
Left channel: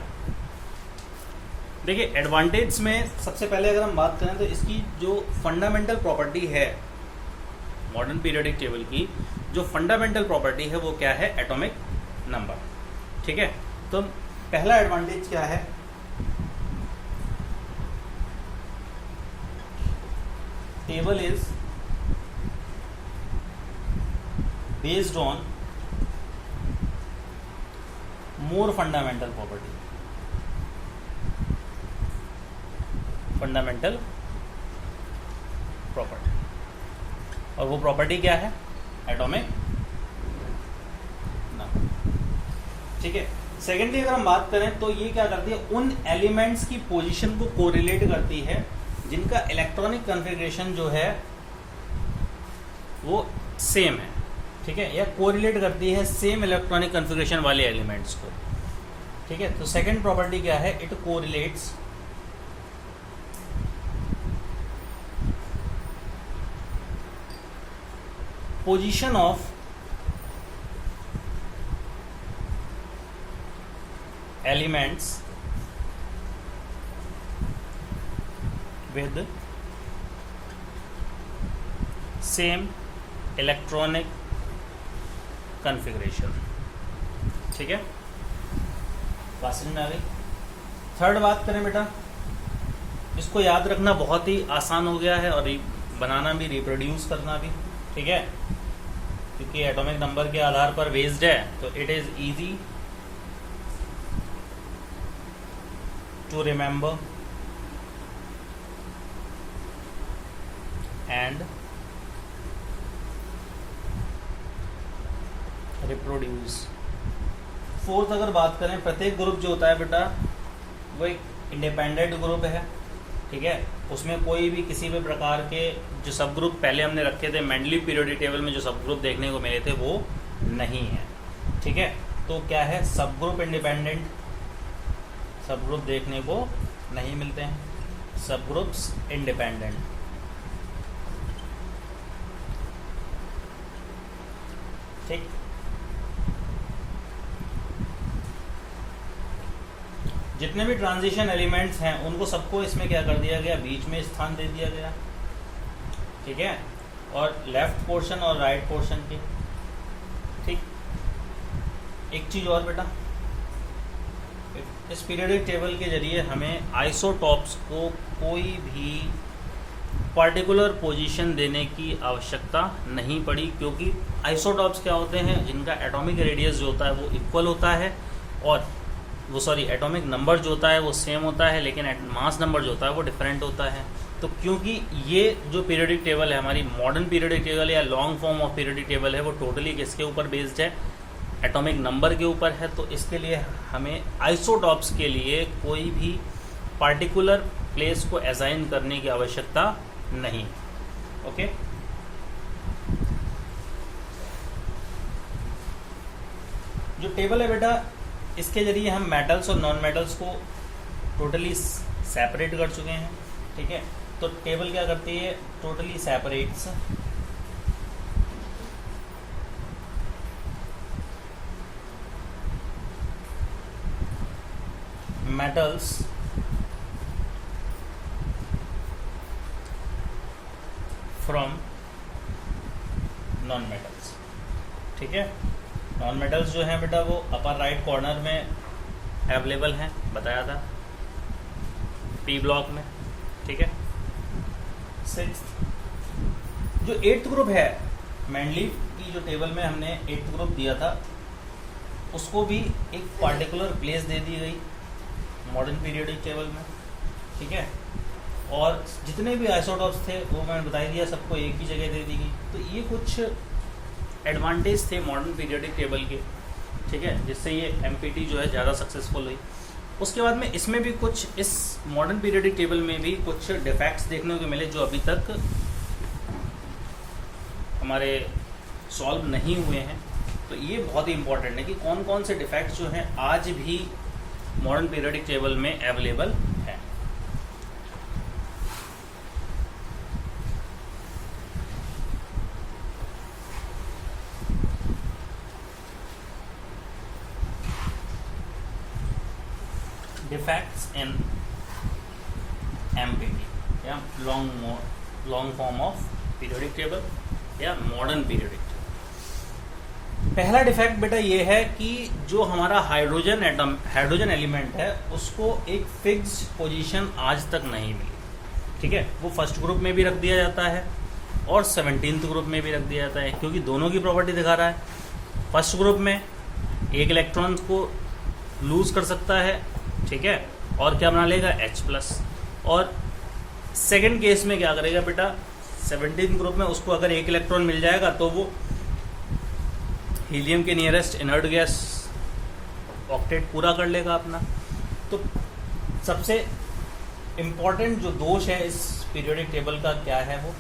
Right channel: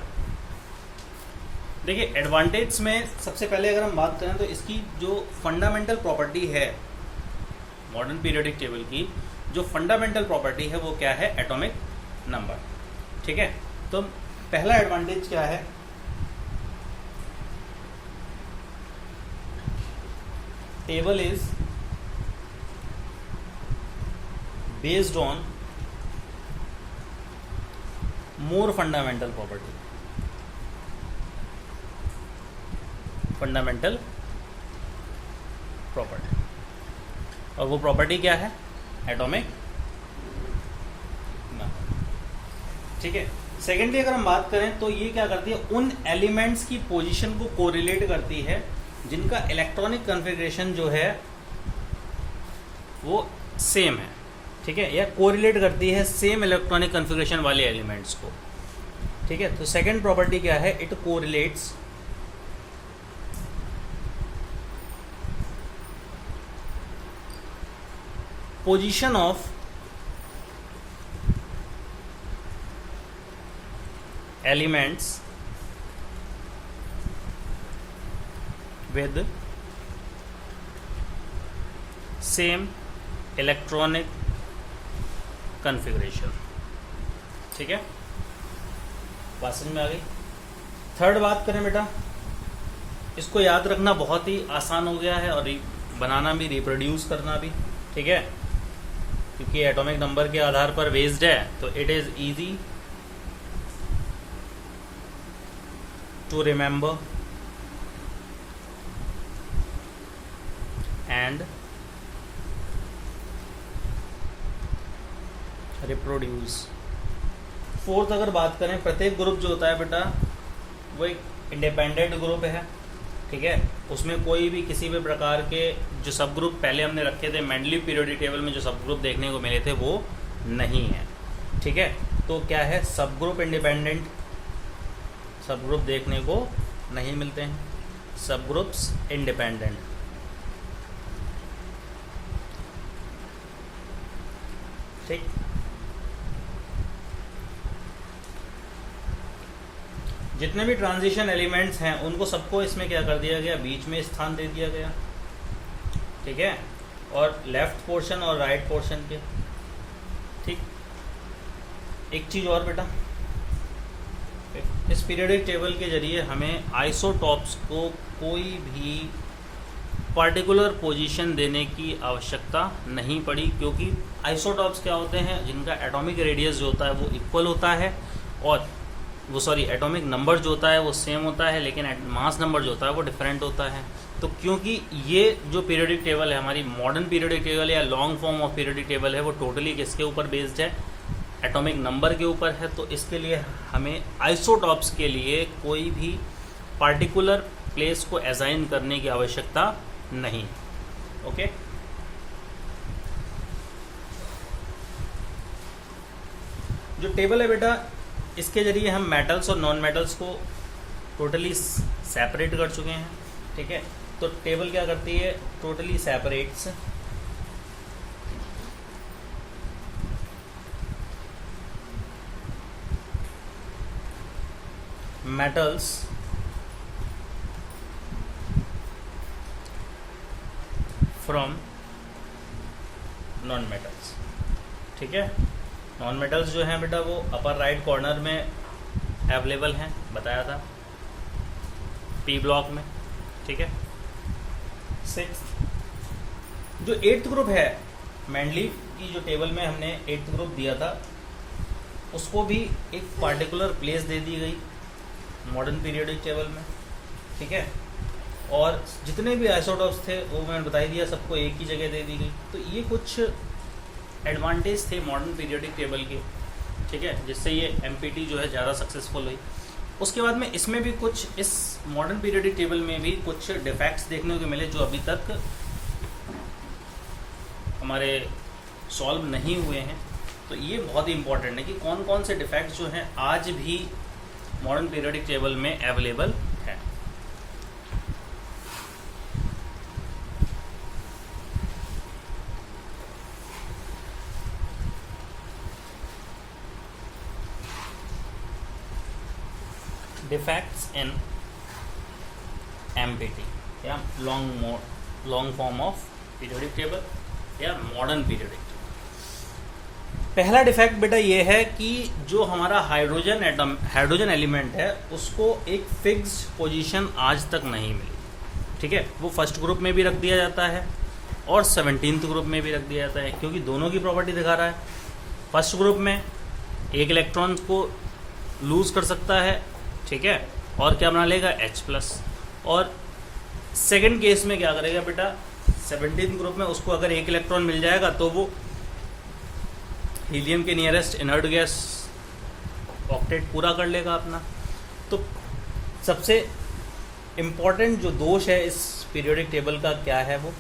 देखिए, एडवांटेज में सबसे पहले अगर हम बात करें तो इसकी जो फंडामेंटल प्रॉपर्टी है मॉडर्न पीरियोडिक टेबल की, जो फंडामेंटल प्रॉपर्टी है वो क्या है? Atomic number. ठीक है, तो पहला एडवांटेज क्या है? Table is based on more fundamental property. Fundamental property, और वो प्रॉपर्टी क्या है? Atomic number. ठीक है, सेकेंडली अगर हम बात करें तो ये क्या करती है? उन एलिमेंट्स की पोजीशन को कोरिलेट करती है जिनका इलेक्ट्रॉनिक कॉन्फ़िगरेशन जो है वो सेम है. ठीक है, या कोरिलेट करती है सेम इलेक्ट्रॉनिक कॉन्फ़िगरेशन वाले एलिमेंट्स को. ठीक है, तो सेकेंड प्रॉपर्टी क्या है? It correlates position of elements with same electronic configuration. ठीक है, बात समझ में आ गई? थर्ड बात करें बेटा, इसको याद रखना बहुत ही आसान हो गया है और बनाना भी, रिप्रोड्यूस करना भी. ठीक है, क्योंकि एटॉमिक नंबर के आधार पर बेस्ड है तो it is easy to remember and reproduce. Fourth अगर बात करें, प्रत्येक ग्रुप जो होता है बेटा वो एक इंडिपेंडेंट ग्रुप है. ठीक है, उसमें कोई भी किसी भी प्रकार के जो सब ग्रुप पहले हमने रखे थे मेंडलीव पीरियोडिक टेबल में, जो सब ग्रुप देखने को मिले थे वो नहीं है. ठीक है, तो क्या है? सब ग्रुप इंडिपेंडेंट, सब ग्रुप देखने को नहीं मिलते हैं, सब ग्रुप्स इंडिपेंडेंट. ठीक, जितने भी ट्रांजिशन एलिमेंट्स हैं उनको सबको इसमें क्या कर दिया गया? बीच में स्थान दे दिया गया. ठीक है, और लेफ्ट पोर्शन और राइट पोर्शन के. ठीक, एक चीज और बेटा, इस पीरियोडिक टेबल के जरिए हमें आइसोटॉप्स को कोई भी पर्टिकुलर पोजीशन देने की आवश्यकता नहीं पड़ी, क्योंकि आइसोटॉप्स क्या होते हैं? जिनका एटॉमिक रेडियस जो होता है वो इक्वल होता है, और वो एटॉमिक नंबर जो होता है वो सेम होता है, लेकिन मास नंबर जो होता है वो डिफरेंट होता है. तो क्योंकि ये जो पीरियोडिक टेबल है हमारी मॉडर्न पीरियोडिक टेबल या long form of periodic table है, वो टोटली किसके ऊपर बेस्ड है? एटॉमिक नंबर के ऊपर है. तो इसके लिए हमें आइसोटॉप्स के लिए कोई भी पार्टिकुलर प्लेस को असाइन करने की आवश्यकता नहीं. ओके, जो टेबल है बेटा, इसके जरिए हम मेटल्स और नॉन मेटल्स को टोटली सेपरेट कर चुके हैं. ठीक है, तो टेबल क्या करती है? Totally separates metals from non metals. ठीक है, नॉन मेटल्स जो है बेटा वो अपर राइट कॉर्नर में अवेलेबल हैं, बताया था पी ब्लॉक में। ठीक है, सिक्स्थ जो एट्थ ग्रुप है मैंडलीफ की जो टेबल में हमने एट्थ ग्रुप दिया था उसको भी एक पार्टिकुलर प्लेस दे दी गई मॉडर्न पीरियोडिक टेबल में। ठीक है, और जितने भी आइसोटॉप्स थे वो मैंने बता दिया, सबको एक ही जगह दे दी गई। तो ये कुछ एडवांटेज थे मॉडर्न पीरियोडिक टेबल के। ठीक है, जिससे ये एमपीटी जो है ज़्यादा सक्सेसफुल हुई। उसके बाद में इसमें भी कुछ, इस मॉडर्न पीरियोडिक टेबल में भी कुछ डिफेक्ट्स देखने को मिले जो अभी तक हमारे सॉल्व नहीं हुए हैं। तो ये बहुत ही इंपॉर्टेंट है कि कौन कौन से डिफेक्ट्स जो हैं आज भी मॉडर्न पीरियोडिक टेबल में अवेलेबल है। डिफेक्ट्स इन एमपीटी या long form of periodic table या मॉडर्न पीरियोडिक। पहला डिफेक्ट बेटा ये है कि जो हमारा हाइड्रोजन एलिमेंट है उसको एक फिक्स्ड पोजीशन आज तक नहीं मिली। ठीक है, वो फर्स्ट ग्रुप में भी रख दिया जाता है और 17th ग्रुप में भी रख दिया जाता है, क्योंकि दोनों की प्रॉपर्टी दिखा रहा है। फर्स्ट ग्रुप में एक इलेक्ट्रॉन को लूज कर सकता है, ठीक है, और क्या बना लेगा H+। और सेकंड केस में क्या करेगा बेटा, 17th ग्रुप में उसको अगर एक इलेक्ट्रॉन मिल जाएगा तो वो हीलियम के नियरेस्ट इनर्ट गैस ऑक्टेट पूरा कर लेगा अपना। तो सबसे इंपॉर्टेंट जो दोष है इस पीरियोडिक टेबल का क्या है, वो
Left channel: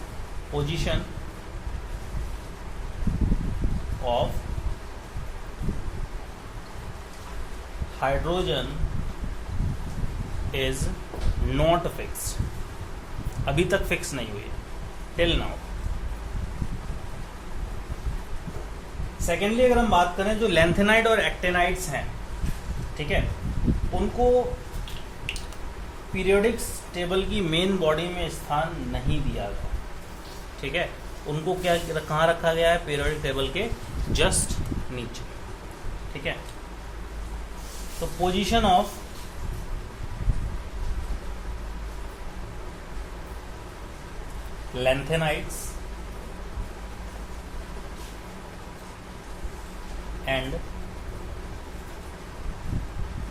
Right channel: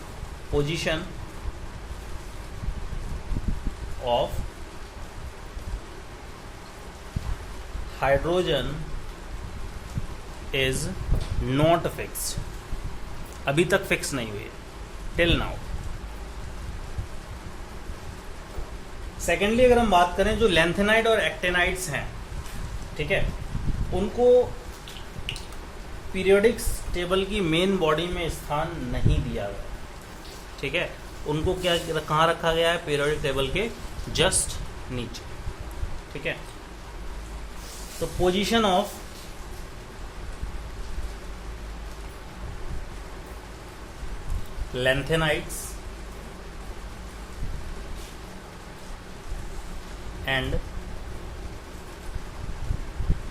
position of hydrogen is not fixed. अभी तक फिक्स नहीं हुई टिल नाउ। सेकेंडली अगर हम बात करें जो लैंथेनाइड और एक्टेनाइड्स हैं, ठीक है, उनको पीरियोडिक टेबल की मेन बॉडी में स्थान नहीं दिया गया। ठीक है, उनको क्या कहाँ रखा गया है, पीरियोडिक टेबल के जस्ट नीचे। ठीक है, तो position of lanthanides and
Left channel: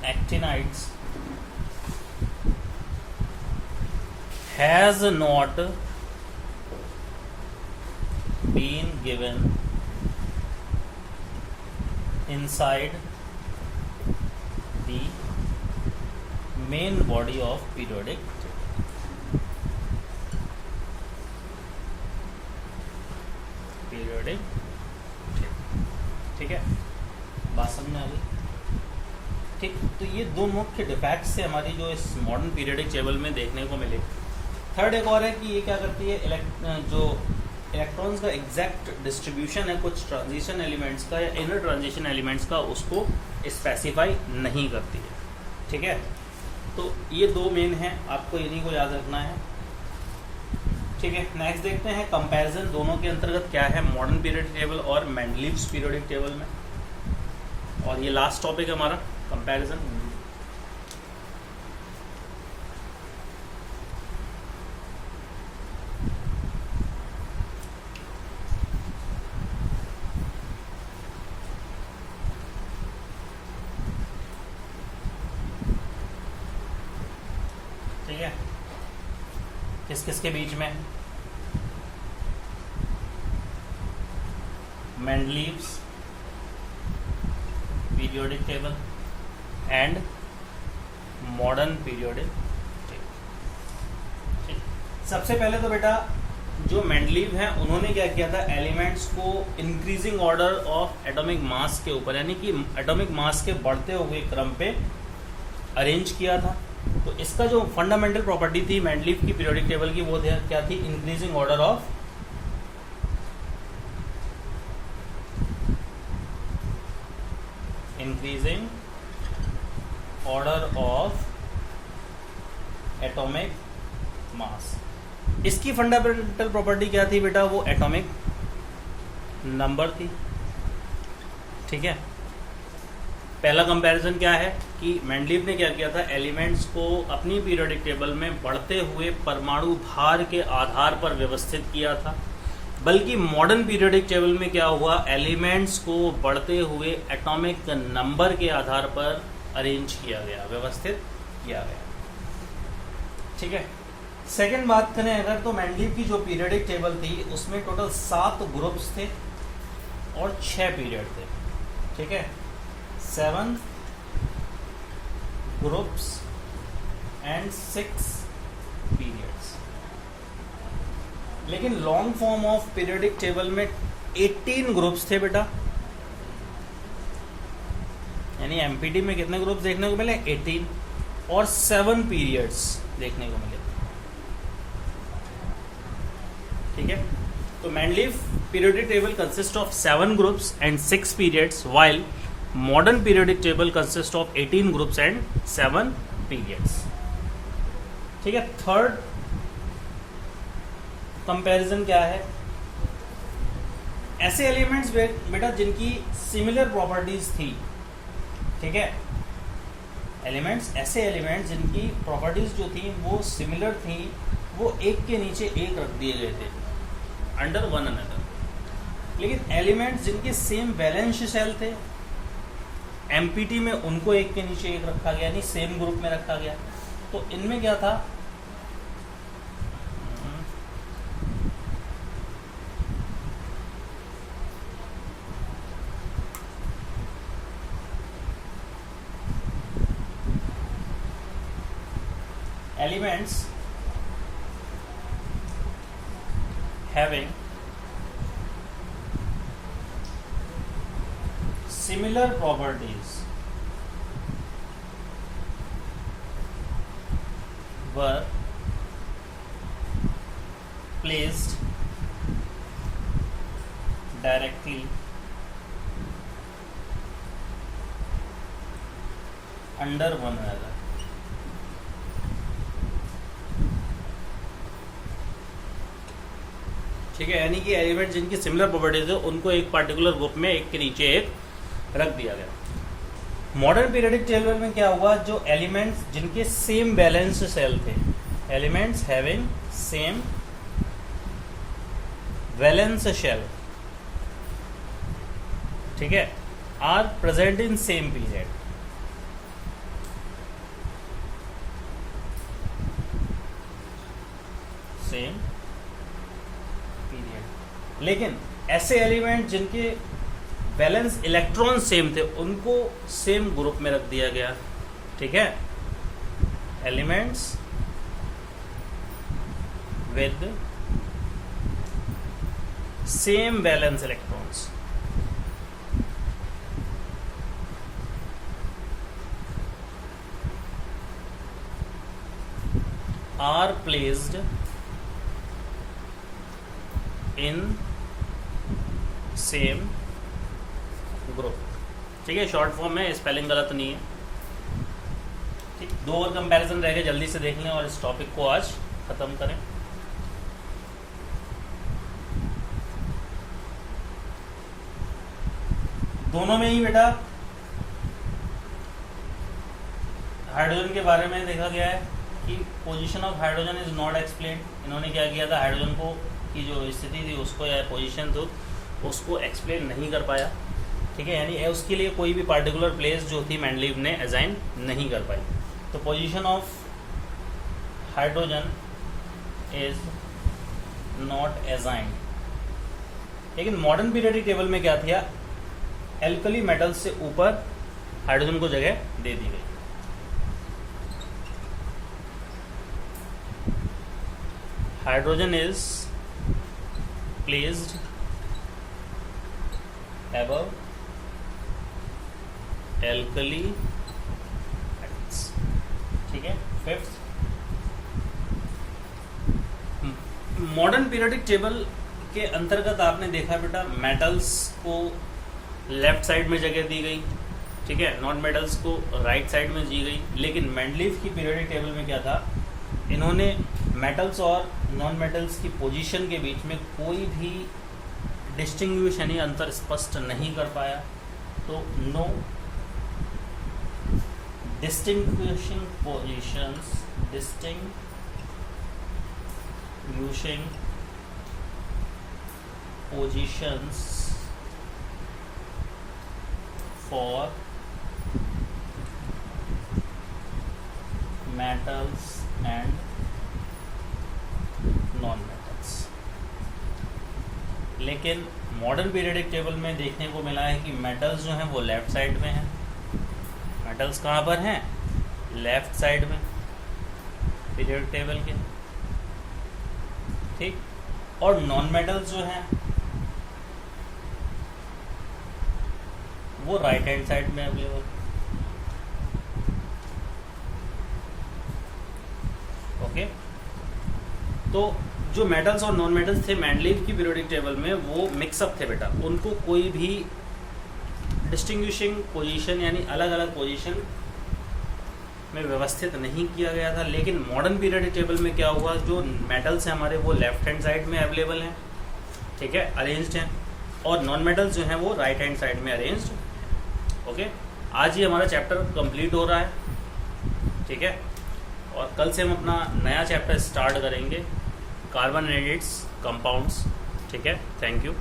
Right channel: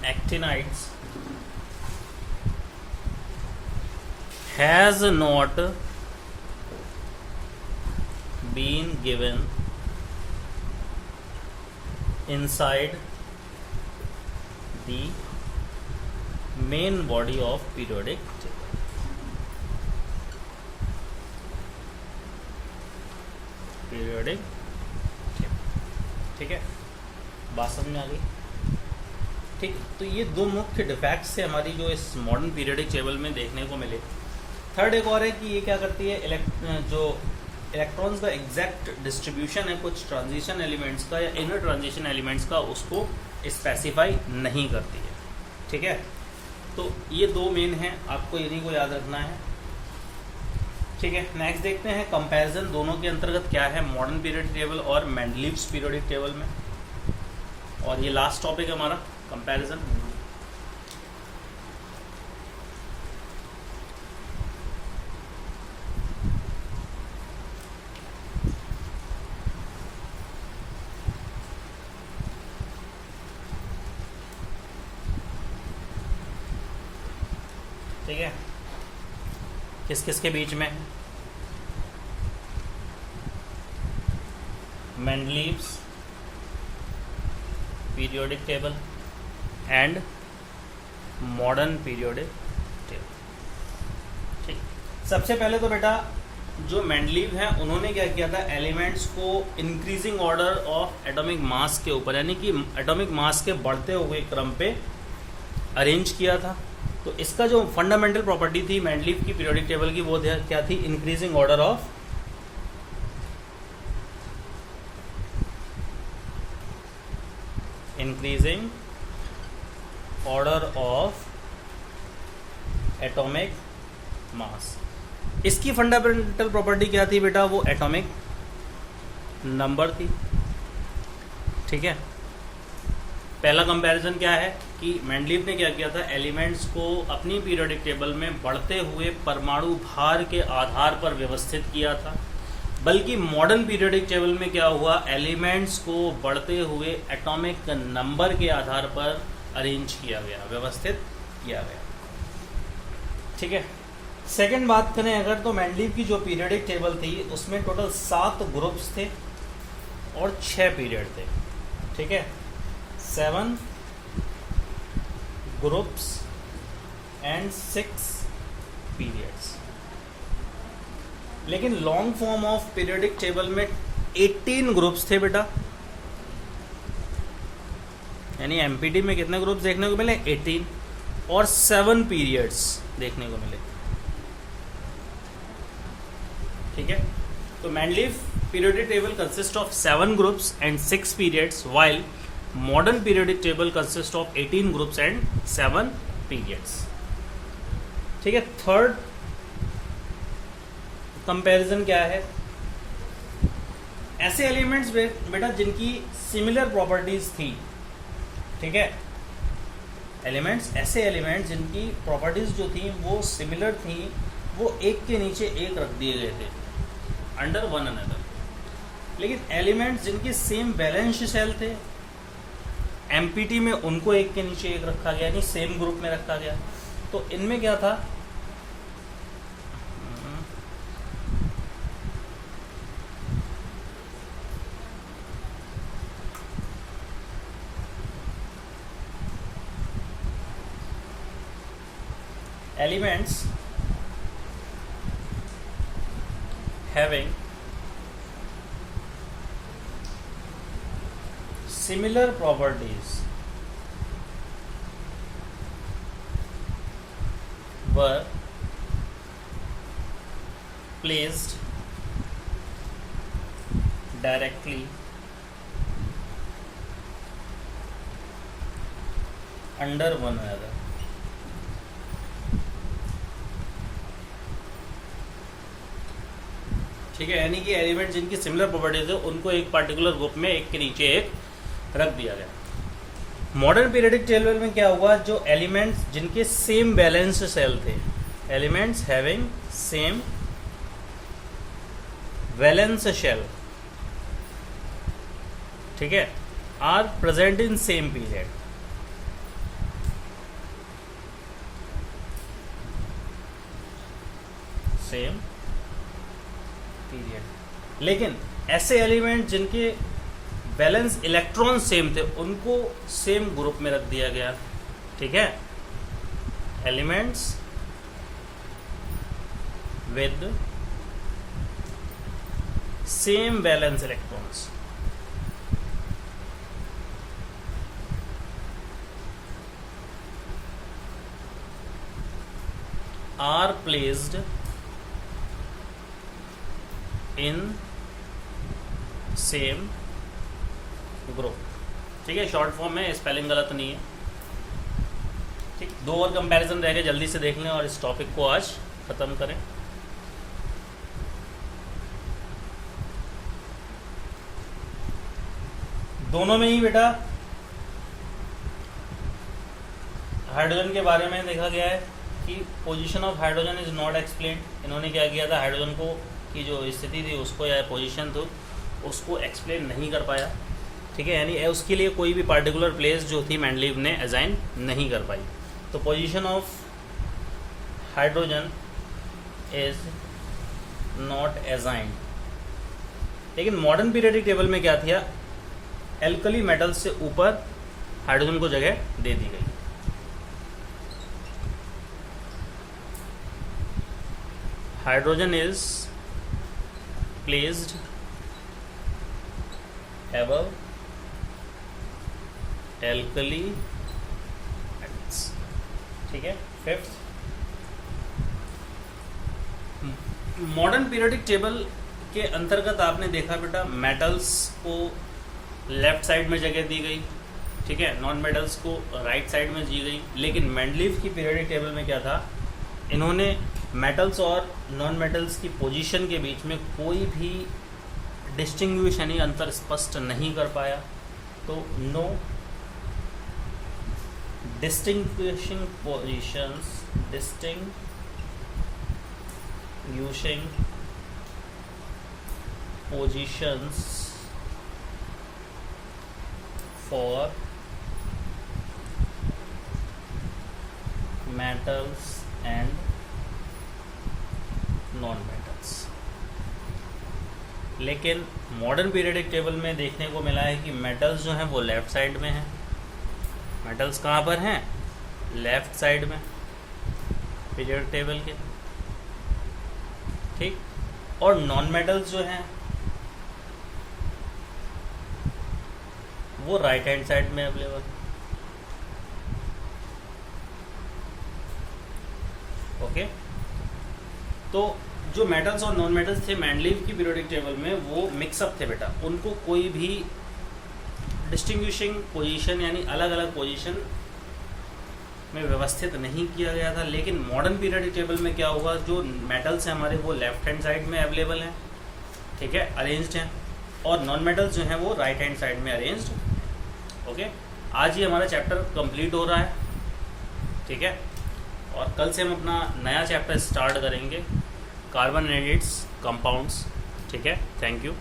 actinides has not been given inside the main body of periodic table. Periodic table. ठीक है, बात समझ में आ गई। ठीक, तो ये दो मुख्य डिफेक्ट्स से हमारी जो इस मॉडर्न पीरियोडिक टेबल में देखने को मिले। थर्ड एक और है कि ये क्या करती है, जो इलेक्ट्रॉन्स का एग्जैक्ट डिस्ट्रीब्यूशन है कुछ ट्रांजिशन एलिमेंट्स का या इनर ट्रांजिशन एलिमेंट्स का, उसको स्पेसिफाई नहीं करती है। ठीक है, तो ये दो मेन हैं, आपको इन्हीं को याद रखना है। ठीक है, नेक्स्ट देखते हैं कंपैरिजन दोनों के अंतर्गत क्या है मॉडर्न पीरियोडिक टेबल और मेंडलीव्स पीरियोडिक टेबल में। और ये लास्ट टॉपिक है हमारा कंपैरिजन। ठीक है, किस किस के बीच में, Mendeleev's periodic table and modern periodic table. ठीक, सबसे पहले तो बेटा जो मेंडलीव हैं उन्होंने क्या किया था, एलिमेंट्स को increasing order of atomic mass के ऊपर, यानी कि एटॉमिक मास के बढ़ते हुए क्रम पे अरेंज किया था। तो इसका जो फंडामेंटल प्रॉपर्टी थी मेंडलीव की पीरियोडिक टेबल की, वो क्या थी, increasing order of atomic mass. इसकी फंडामेंटल प्रॉपर्टी क्या थी बेटा? वो एटॉमिक नंबर थी। ठीक है, पहला कंपैरिजन क्या है कि मेंडलीव ने क्या किया था, एलिमेंट्स को अपनी पीरियोडिक टेबल में बढ़ते हुए परमाणु भार के आधार पर व्यवस्थित किया था, बल्कि मॉडर्न पीरियोडिक टेबल में क्या हुआ, एलिमेंट्स को बढ़ते हुए एटॉमिक नंबर के आधार पर अरेंज किया गया, व्यवस्थित किया गया। ठीक है, सेकंड बात करें अगर, तो मेंडलीव की जो पीरियोडिक टेबल थी उसमें टोटल 7 ग्रुप्स थे और 6 पीरियड थे। ठीक है, 7 ग्रुप्स एंड 6 पीरियड्स। लेकिन long form of periodic table में 18 ग्रुप्स थे बेटा, यानी एमपीटी में कितने ग्रुप्स देखने को मिले? 18, और 7 पीरियड्स देखने को मिले। ठीक है, तो Mendeleev periodic table consist of 7 groups and 6 periods, while modern periodic table consists of 18 groups and 7 periods. ठीक है, थर्ड कंपैरिजन क्या है? ऐसे एलिमेंट्स बेटा जिनकी सिमिलर प्रॉपर्टीज थी। ठीक है, ऐसे एलिमेंट्स जिनकी प्रॉपर्टीज जो थी वो सिमिलर थी, वो एक के नीचे एक रख दिए गए थे, अंडर वन अनदर। लेकिन एलिमेंट्स जिनके सेम वैलेंस शेल थे, एमपीटी में उनको एक के नीचे एक रखा गया, यानी सेम ग्रुप में रखा गया। तो इनमें क्या था, elements having similar properties were placed directly under one another. ठीक है, यानी कि एलिमेंट जिनकी सिमिलर प्रॉपर्टीज है उनको एक पार्टिकुलर ग्रुप में एक के नीचे एक रख दिया गया। मॉडर्न पीरियोडिक टेबल में क्या हुआ, जो एलिमेंट्स जिनके सेम बैलेंस सेल थे, elements having same valence shell, ठीक है, are present in same period. Same period. लेकिन ऐसे एलिमेंट जिनके बैलेंस इलेक्ट्रॉन सेम थे उनको सेम ग्रुप में रख दिया गया। ठीक है, elements with same valence electrons are placed in same group. ठीक है, शॉर्ट फॉर्म में, स्पेलिंग गलत नहीं है। ठीक, 2 और कंपैरिजन रहेगा, जल्दी से देख लें और इस टॉपिक को आज खत्म करें। दोनों में ही बेटा हाइड्रोजन के बारे में देखा गया है कि position of hydrogen is not explained. इन्होंने क्या किया था, हाइड्रोजन को की जो स्थिति थी उसको या पोजीशन थी उसको एक्सप्लेन नहीं कर पाया। ठीक है, यानी उसके लिए कोई भी पार्टिकुलर प्लेस जो थी मेंडलीव ने असाइन नहीं कर पाई। तो position of hydrogen is not assigned. लेकिन मॉडर्न पीरियोडिक टेबल में क्या था, एल्कली मेटल से ऊपर हाइड्रोजन को जगह दे दी गई। Hydrogen is placed above alkali metals। ठीक है, फिफ्थ, मॉडर्न पीरियोडिक टेबल के अंतर्गत आपने देखा बेटा मेटल्स को लेफ्ट साइड में जगह दी गई। ठीक है, नॉन मेटल्स को राइट साइड में दी गई। लेकिन मेंडलीव की पीरियोडिक टेबल में क्या था, इन्होंने मेटल्स और नॉन मेटल्स की पोजीशन के बीच में कोई भी डिस्टिंग्विश यानी अंतर स्पष्ट नहीं कर पाया। तो no distinguishing positions for metals and non metals. लेकिन मॉडर्न पीरियडिक टेबल में देखने को मिला है कि मेटल्स जो हैं वो लेफ्ट साइड में हैं। मेटल्स कहाँ पर हैं? लेफ्ट साइड में पीरियड टेबल के, ठीक। और नॉन मेटल्स जो हैं वो राइट हैंड साइड में अवेलेबल। ओके, तो जो मेटल्स और नॉन मेटल्स थे मैंडलीव की पीरियोडिक टेबल में वो मिक्सअप थे बेटा, उनको कोई भी डिस्टिंग्विशिंग पोजीशन यानी अलग अलग पोजीशन में व्यवस्थित नहीं किया गया था। लेकिन मॉडर्न पीरियोडिक टेबल में क्या हुआ, जो मेटल्स हैं हमारे वो लेफ्ट हैंड साइड में अवेलेबल हैं, ठीक है, अरेंज्ड हैं, और नॉन मेटल्स जो हैं वो राइट हैंड साइड में अरेंज्ड हैं। ओके, आज ही हमारा चैप्टर कंप्लीट हो रहा है, ठीक है, और कल से हम अपना नया चैप्टर स्टार्ट करेंगे, कार्बन एडिड्स कंपाउंड्स, ठीक है। Thank you.